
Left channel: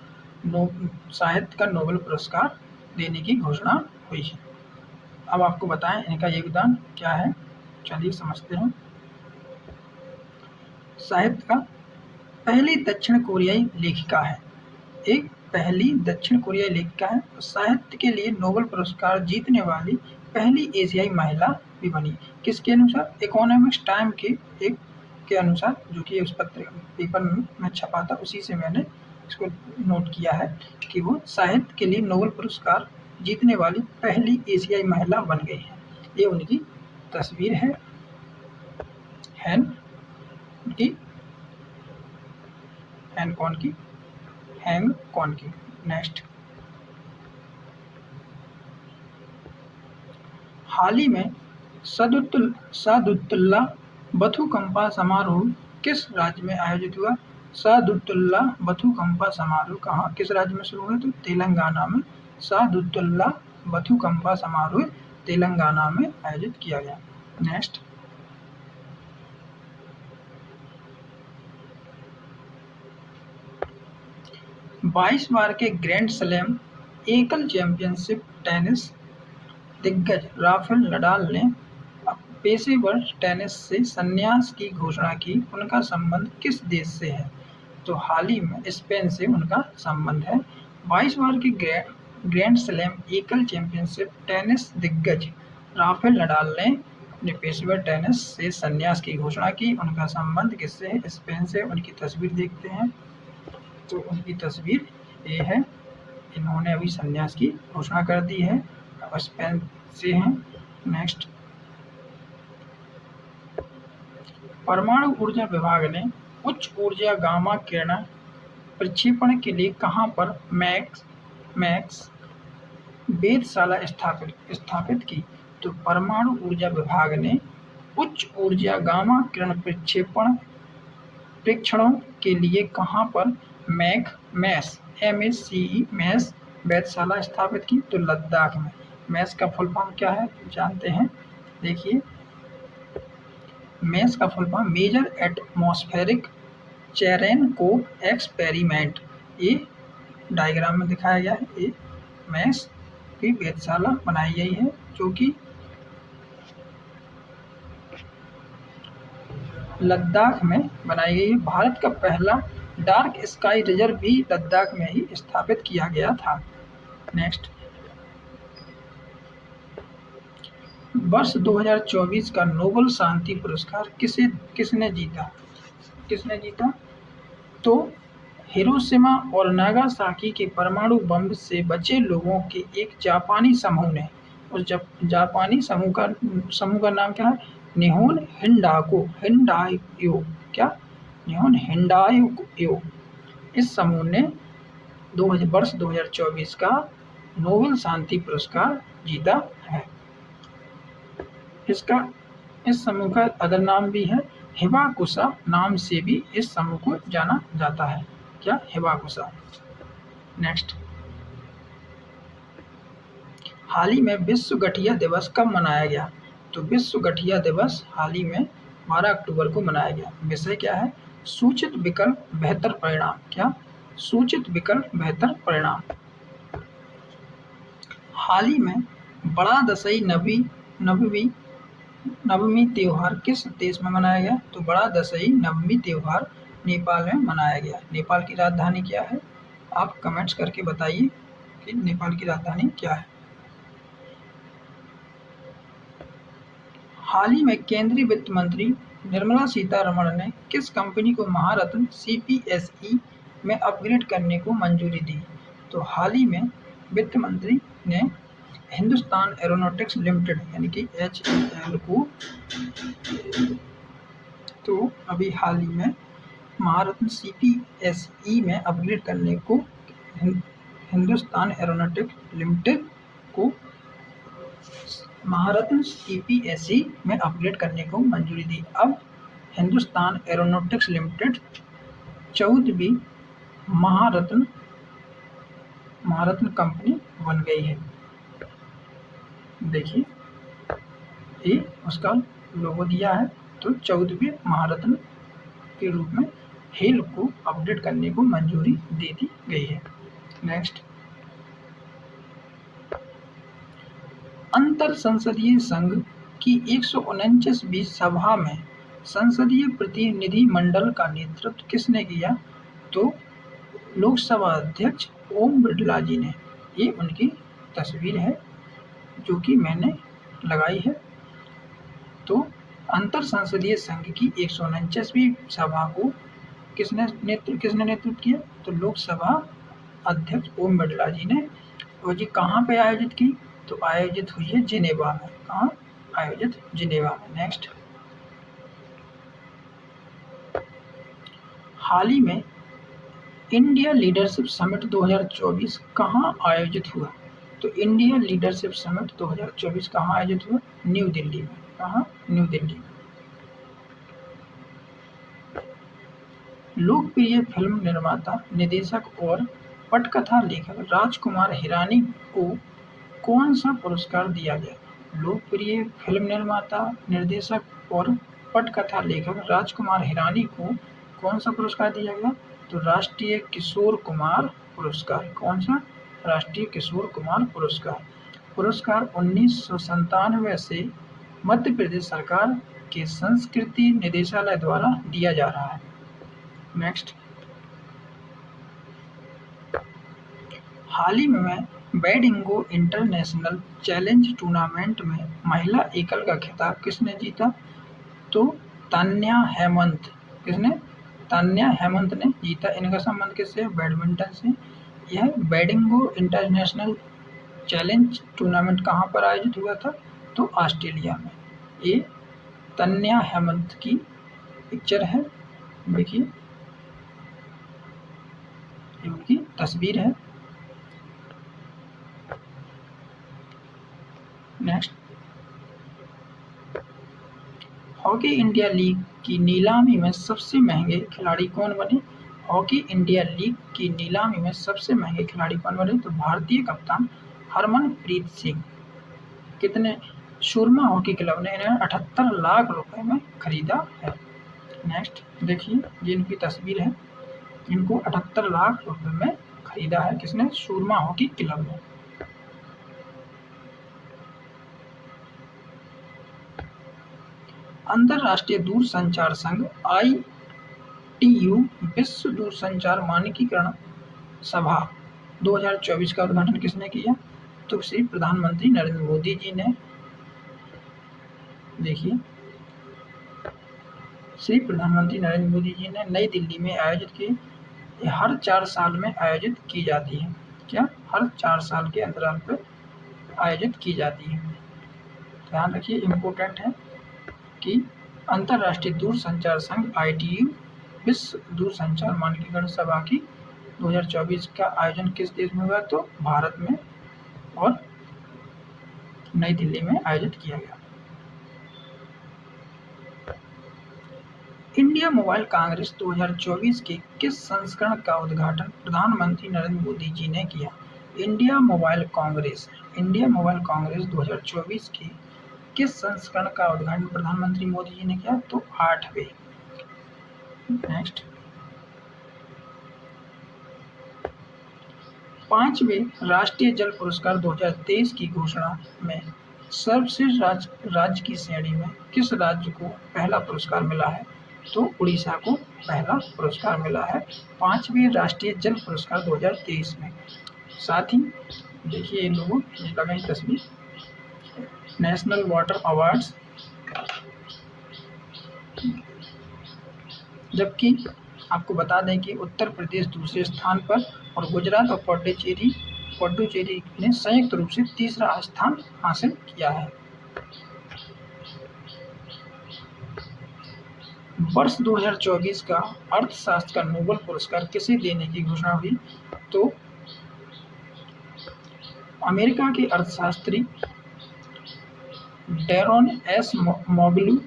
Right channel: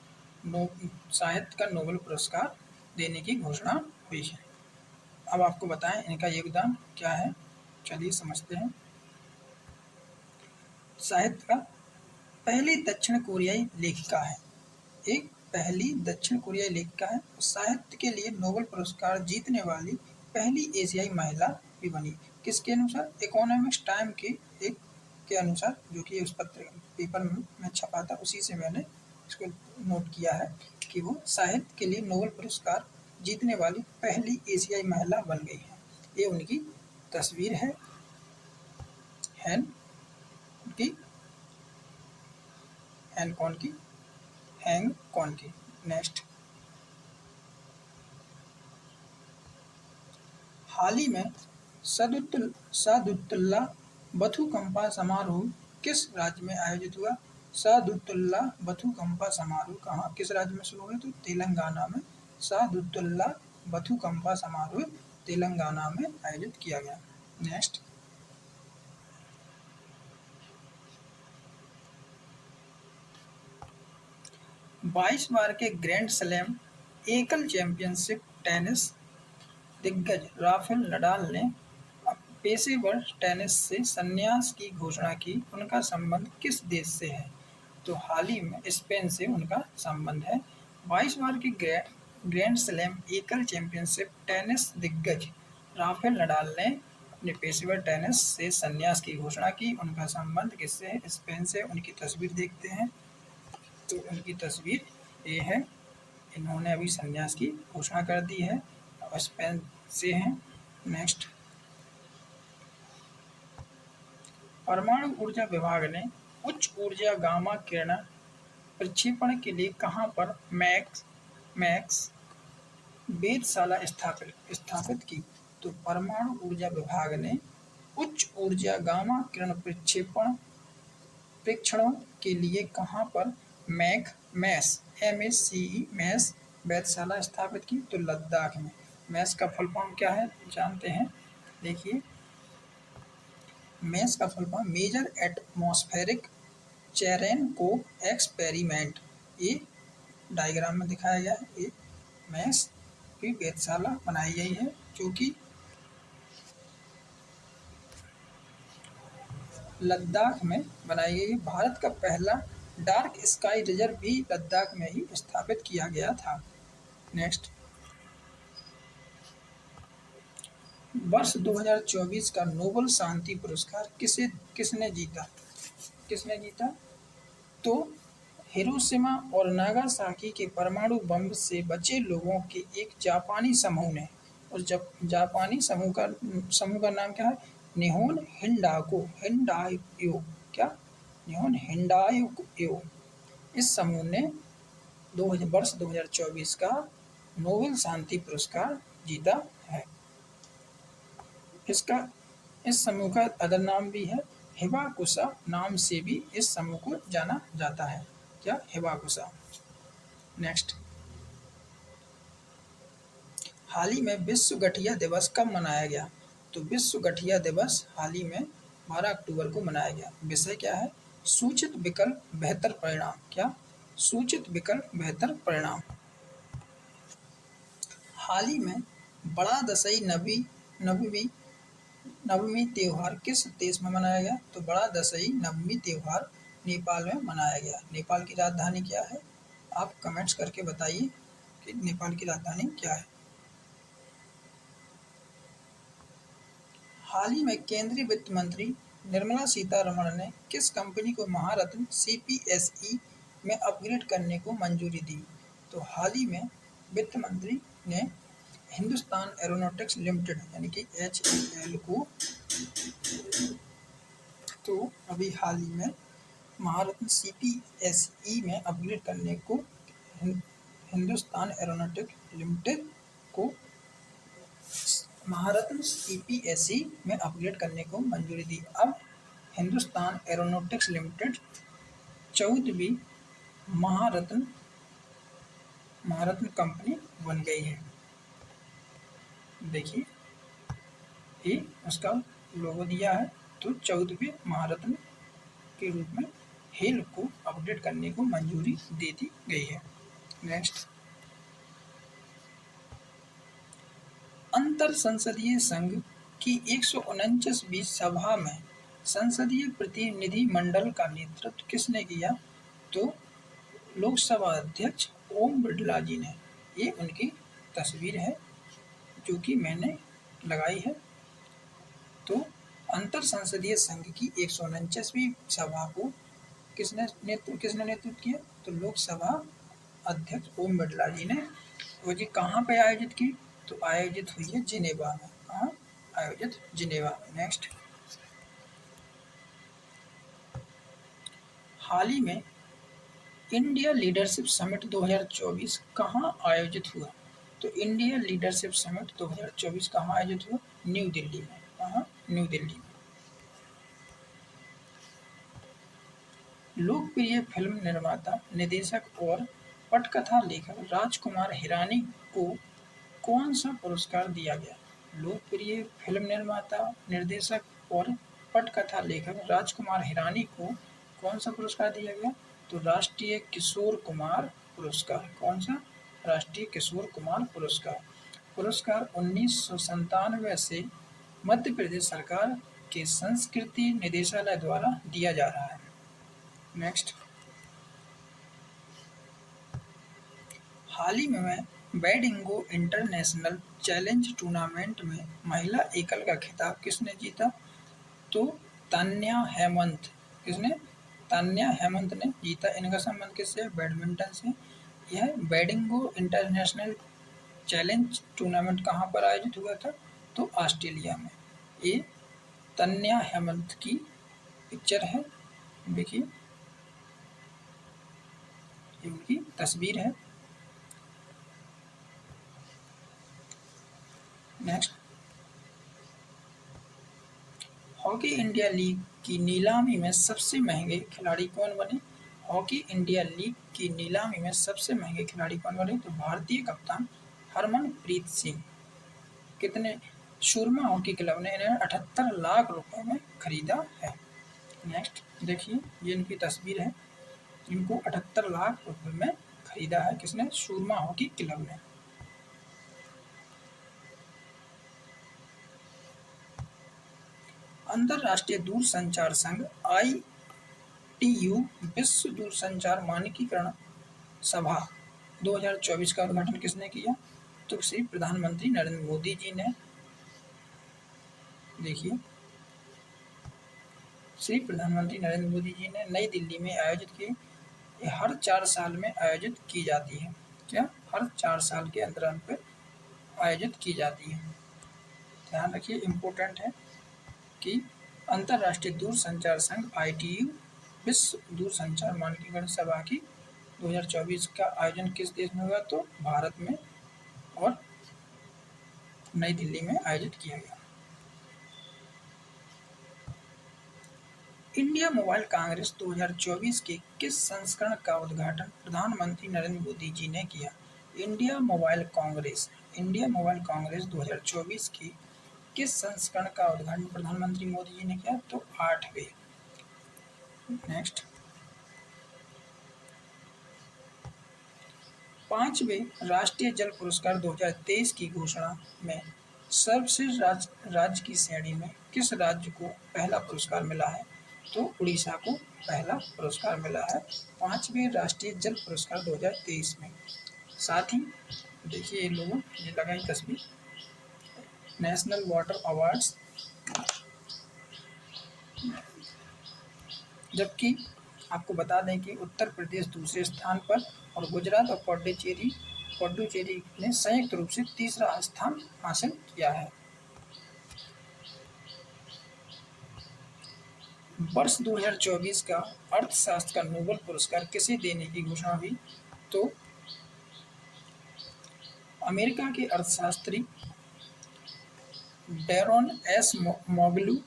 साहित्य का नोबेल पुरस्कार देने की घोषणा हुई है। अब आपको बताएं इनका योगदान क्या है, चलिए समझते हैं। साहित्य का पहली दक्षिण कोरियाई लेखिका है, एक पहली दक्षिण कोरियाई लेखिका है। साहित्य के लिए नोबेल पुरस्कार जीतने वाली पहली एशियाई महिला भी बनी। किसके अनुसार? इकोनॉमिक्स टाइम के अनुसार, जो कि उस पेपर में छपा था, उसी से मैंने इसको नोट किया है कि वो साहित्य के लिए नोबेल पुरस्कार जीतने वाली पहली एशियाई महिला बन गई है। ये उनकी तस्वीर है हैंग कॉन की। नेक्स्ट, हाल ही में सादुत्तुल्लाह बथुकंपा समारोह किस राज्य में आयोजित हुआ? सादुत्तुल्लाह बथुकंपा समारोह कहाँ किस राज्य में शुरू हुआ? तो तेलंगाना में। सादुत्तुल्लाह बथुकंपा समारोह तेलंगाना में आयोजित किया गया। नेक्स्ट, 22 बार के ग्रैंड स्लैम एकल चैंपियनशिप टेनिस दिग्गज राफेल नडाल ने पेशेवर टेनिस से संन्यास की घोषणा की, उनका संबंध किस देश से है? तो हाल ही में स्पेन से उनका संबंध है। 22 बार की ग्रैंड स्लैम एकल चैंपियनशिप टेनिस दिग्गज राफेल नडाल ने अपने पेशेवर टेनिस से संन्यास की घोषणा की, उनका संबंध किससे है? स्पेन से। उनकी तस्वीर देखते हैं, तो उनकी तस्वीर ये है। इन्होंने अभी संन्यास की घोषणा कर दी है और स्पेन से हैं। नेक्स्ट, परमाणु ऊर्जा विभाग ने उच्च ऊर्जा गामा किरण प्रक्षेपण के लिए कहां पर मैक्स वेधशाला स्थापित की? तो परमाणु ऊर्जा विभाग ने उच्च ऊर्जा गामा किरण प्रक्षेपण परीक्षणों के लिए कहां पर मैस वेधशाला स्थापित की? तो लद्दाख में। मैस का फुल फॉर्म क्या है जानते हैं? देखिए, मैस का full form major atmospheric Cherenkov experiment. ये डायग्राम में दिखाया गया है। ये मैस की वेधशाला बनाई गई है जो कि लद्दाख में बनाई गई है। भारत का पहला डार्क स्काई रिजर्व भी लद्दाख में ही स्थापित किया गया था। नेक्स्ट, वर्ष 2024 का नोबेल शांति पुरस्कार किसने जीता? तो हिरोशिमा और नागासाकी के परमाणु बम से बचे लोगों के एक जापानी समूह ने, उस जापानी समूह का नाम क्या है? निहोन हिंडायो। क्या? निहोन हिंडायो। इस समूह ने वर्ष 2024 का नोबेल शांति पुरस्कार जीता है। इस समूह का अदर नाम भी है हिबाकुशा, नाम से भी इस समूह को जाना जाता है। क्या? हिबाकुशा। नेक्स्ट, हाल ही में विश्व गठिया दिवस कब मनाया गया? तो विश्व गठिया दिवस हाल ही में 12 अक्टूबर को मनाया गया। विषय क्या है? सूचित विकल्प बेहतर परिणाम। क्या? सूचित विकल्प बेहतर परिणाम। हाल ही में बड़ा दशई नवमी त्योहार किस देश में मनाया गया? तो बड़ा दशई नवमी त्योहार नेपाल में मनाया गया। नेपाल की राजधानी क्या है? आप कमेंट्स करके बताइए कि नेपाल की राजधानी क्या है। हाल ही में केंद्रीय वित्त मंत्री निर्मला सीतारमण ने किस कंपनी को महारत्न CPSE में अपग्रेड करने को मंजूरी दी? तो हाल ही में वित्त मंत्री ने हिंदुस्तान एरोनॉटिक्स लिमिटेड यानी कि HAL को तो अभी हाल ही में महारत्न CPSE में अपग्रेड करने को हिंदुस्तान एरोनॉटिक्स लिमिटेड को महारत्न CPSE में अपग्रेड करने को मंजूरी दी। अब हिंदुस्तान एरोनॉटिक्स लिमिटेड 14वीं महारत्न कंपनी बन गई है। देखिए, ये उसका लोगो दिया है, तो 14वीं महारत्न के रूप में हेल को अपडेट करने को मंजूरी दे दी गई है। नेक्स्ट, अंतर संसदीय संघ की 149वीं सभा में संसदीय प्रतिनिधि मंडल का नेतृत्व किसने किया? तो लोकसभा अध्यक्ष ओम बिरला जी ने। ये उनकी तस्वीर है जो कि मैंने लगाई है। तो अंतर संसदीय संघ की 149वीं सभा को किसने नेतृत्व किया? तो लोकसभा अध्यक्ष ओम बिरला जी ने। और ये कहाँ पे आयोजित की? तो आयोजित हुई है जिनेवा में। कहाँ आयोजित? जिनेवा में। नेक्स्ट, हाल ही में इंडिया लीडरशिप समिट 2024 कहाँ आयोजित हुआ? तो इंडिया लीडरशिप समिट 2024 कहाँ आयोजित हुआ? न्यू दिल्ली में। कहाँ? न्यू दिल्ली में। लोकप्रिय फिल्म निर्माता, निर्देशक और पटकथा लेखक राजकुमार हिरानी को कौन सा पुरस्कार दिया गया? लोकप्रिय फिल्म निर्माता, निर्देशक और पटकथा लेखक राजकुमार हिरानी को कौन सा पुरस्कार दिया गया? तो राष्ट्रीय किशोर कुमार पुरस्कार। कौन सा? राष्ट्रीय किशोर कुमार पुरस्कार। पुरस्कार 1997 से मध्य प्रदेश सरकार के संस्कृति निदेशालय द्वारा दिया जा रहा है। नेक्स्ट, हाल ही में बेडिंगो इंटरनेशनल चैलेंज टूर्नामेंट में महिला एकल का खिताब किसने जीता? तो तान्या हेमंत। किसने? तान्या हेमंत ने जीता। इनका संबंध किससे? बैडमिंटन से। यह बेडिंगो इंटरनेशनल चैलेंज टूर्नामेंट कहाँ पर आयोजित हुआ था? तो ऑस्ट्रेलिया में। ये तान्या हेमंत की पिक्चर है, देखिए ये उनकी तस्वीर है। नेक्स्ट, हॉकी इंडिया लीग की नीलामी में सबसे महंगे खिलाड़ी कौन बने? हॉकी इंडिया लीग की नीलामी में सबसे महंगे खिलाड़ी कौन बने? तो भारतीय कप्तान हरमनप्रीत सिंह। कितने? सुरमा हॉकी क्लब ने इन्हें 78 लाख रुपए में खरीदा है। नेक्स्ट देखिए, ये इनकी तस्वीर है। इनको 78 लाख रुपए में खरीदा है। किसने? सुरमा हॉकी क्लब ने। अंतरराष्ट्रीय दूरसंचार संघ ITU विश्व दूरसंचार मानकीकरण सभा 2024 का उद्घाटन किसने किया? तो श्री प्रधानमंत्री नरेंद्र मोदी जी ने। देखिए, श्री प्रधानमंत्री नरेंद्र मोदी जी ने नई दिल्ली में आयोजित की। ये हर 4 साल में आयोजित की जाती है। क्या? हर 4 साल के अंतराल पर आयोजित की जाती है। ध्यान रखिए, इम्पोर्टेंट है कि अंतरराष्ट्रीय दूरसंचार संघ ITU विश्व दूरसंचार मानकीकरण सभा की 2024 का आयोजन किस देश में हुआ? तो भारत में और नई दिल्ली में आयोजित किया गया। इंडिया मोबाइल कांग्रेस 2024 के किस संस्करण का उद्घाटन प्रधानमंत्री नरेंद्र मोदी जी ने किया? इंडिया मोबाइल कांग्रेस 2024 के किस संस्करण का उद्घाटन प्रधानमंत्री मोदी जी ने किया? तो 8वें। नेक्स्ट, 5वें राष्ट्रीय जल पुरस्कार 2023 की घोषणा में सर्वश्रेष्ठ राज्य की श्रेणी में किस राज्य को पहला पुरस्कार मिला है? तो उड़ीसा को पहला पुरस्कार मिला है 5वें राष्ट्रीय जल पुरस्कार 2023 में। साथ ही देखिए, इन लोगों ने लगाई तस्वीर नेशनल वाटर अवार्ड्स, जबकि आपको बता दें कि उत्तर प्रदेश दूसरे स्थान पर और गुजरात और पुडुचेरी ने संयुक्त रूप से तीसरा स्थान हासिल किया है। वर्ष 2024 का अर्थशास्त्र का नोबेल पुरस्कार किसे देने की घोषणा हुई? तो अमेरिका के अर्थशास्त्री डैरोन एस मोगलू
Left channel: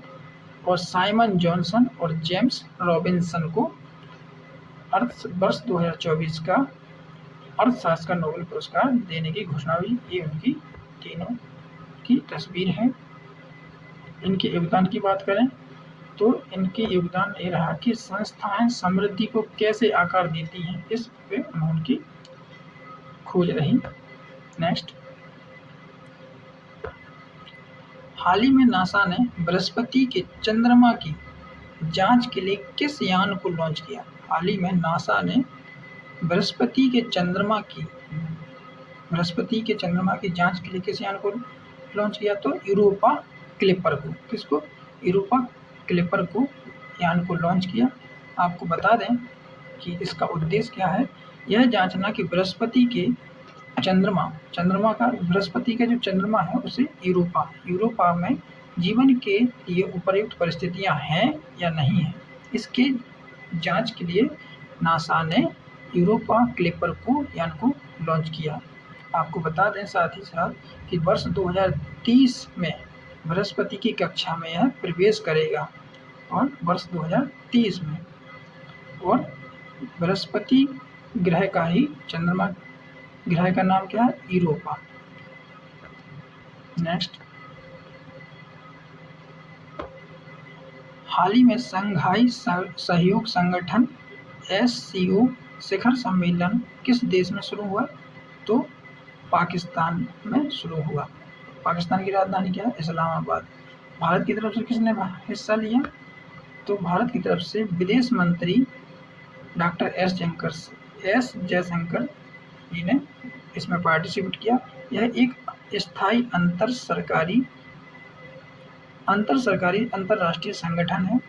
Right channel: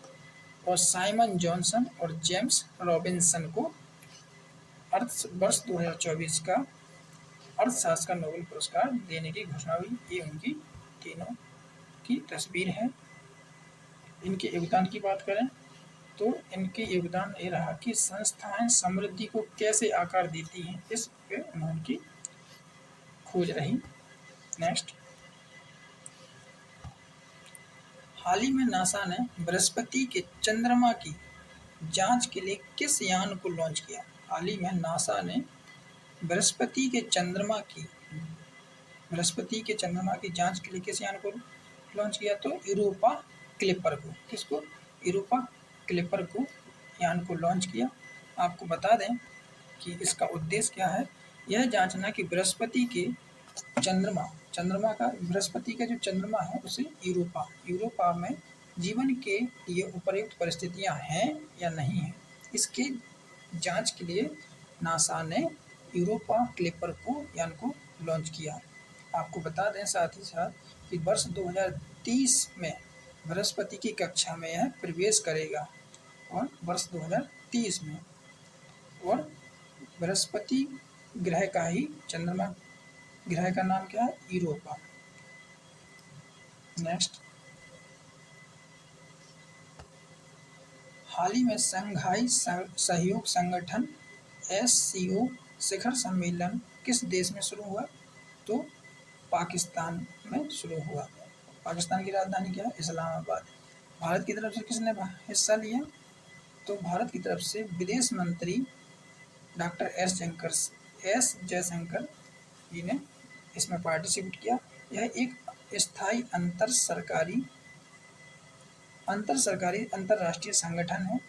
और साइमन जॉनसन और जेम्स रॉबिन्सन को वर्ष 2024 का अर्थशास्त्र का नोबेल पुरस्कार देने की घोषणा हुई। ये उनकी तीनों की तस्वीर है। इनके योगदान की बात करें तो इनके योगदान ये रहा कि संस्थाएं समृद्धि को कैसे आकार देती हैं, इस पे उनकी खोज रही। नेक्स्ट, हाल ही में नासा ने बृहस्पति के चंद्रमा की जांच के लिए किस यान को लॉन्च किया? हाल ही में नासा ने बृहस्पति के चंद्रमा की जांच के लिए किस यान को लॉन्च किया? तो यूरोपा क्लिपर को। किसको? यूरोपा क्लिपर को यान को लॉन्च किया। आपको बता दें कि इसका उद्देश्य क्या है। यह जांचना कि बृहस्पति का जो चंद्रमा है उसे यूरोपा में जीवन के लिए उपयुक्त परिस्थितियां हैं या नहीं है, इसके जांच के लिए नासा ने यूरोपा क्लिपर को यान को लॉन्च किया। आपको बता दें साथ ही साथ कि वर्ष 2030 में बृहस्पति की कक्षा में यह प्रवेश करेगा और वर्ष 2030 में, और बृहस्पति ग्रह का ही चंद्रमा ग्रह का नाम क्या है? यूरोपा। नेक्स्ट, हाल ही में शंघाई सहयोग संगठन SCO शिखर सम्मेलन किस देश में शुरू हुआ? तो पाकिस्तान में शुरू हुआ। पाकिस्तान की राजधानी क्या है? इस्लामाबाद। भारत की तरफ से किसने हिस्सा लिया? तो भारत की तरफ से विदेश मंत्री डॉक्टर एस जयशंकर जी ने इसमें पार्टिसिपेट किया। यह एक स्थायी अंतरराष्ट्रीय संगठन है।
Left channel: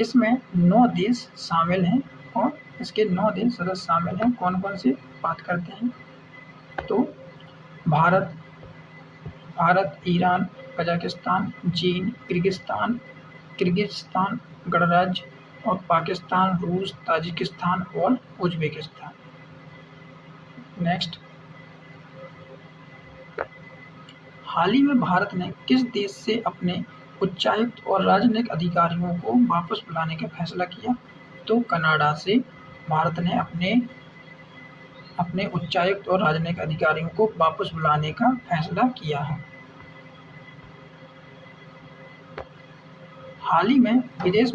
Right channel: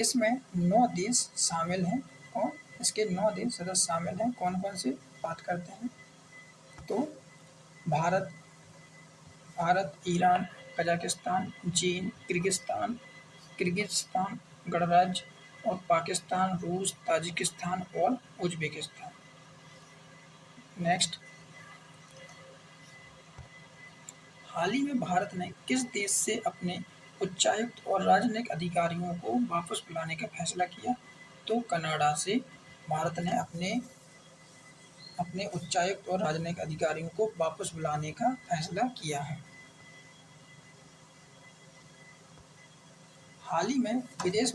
इसमें 9 देश शामिल हैं और इसके 9 देश सदस्य शामिल हैं। कौन-कौन से बात करते हैं? तो भारत, ईरान, कजाकिस्तान, चीन, किर्गिस्तान गणराज्य और पाकिस्तान, रूस, ताजिकिस्तान और उज़्बेकिस्तान। नेक्स्ट, हाल ही में भारत ने किस देश से अपने उच्चायुक्त और राजनयिक अधिकारियों को वापस बुलाने का फैसला किया? तो कनाडा से भारत ने अपने उच्चायुक्त और राजनयिक अधिकारियों को वापस बुलाने का फैसला किया है। हाल ही में विदेश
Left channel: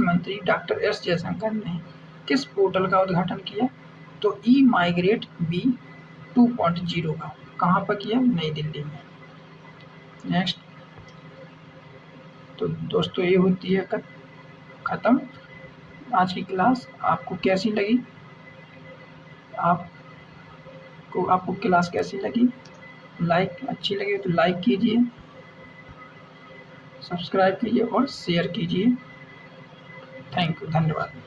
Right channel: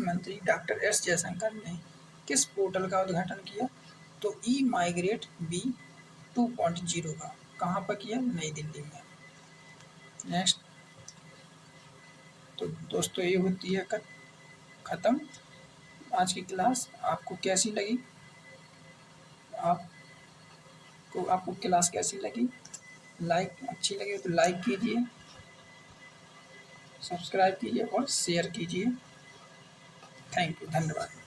मंत्री डॉक्टर एस जयशंकर ने किस पोर्टल का उद्घाटन किया? तो ई माइग्रेट बी 2.0 का। कहाँ पर किया? नई दिल्ली में। नेक्स्ट, तो दोस्तों ये होती है ख़त्म आज की क्लास। आपको कैसी लगी? आपको क्लास कैसी लगी? अच्छी लगी तो लाइक कीजिए, सब्सक्राइब कीजिए और शेयर कीजिए। थैंक यू, धन्यवाद।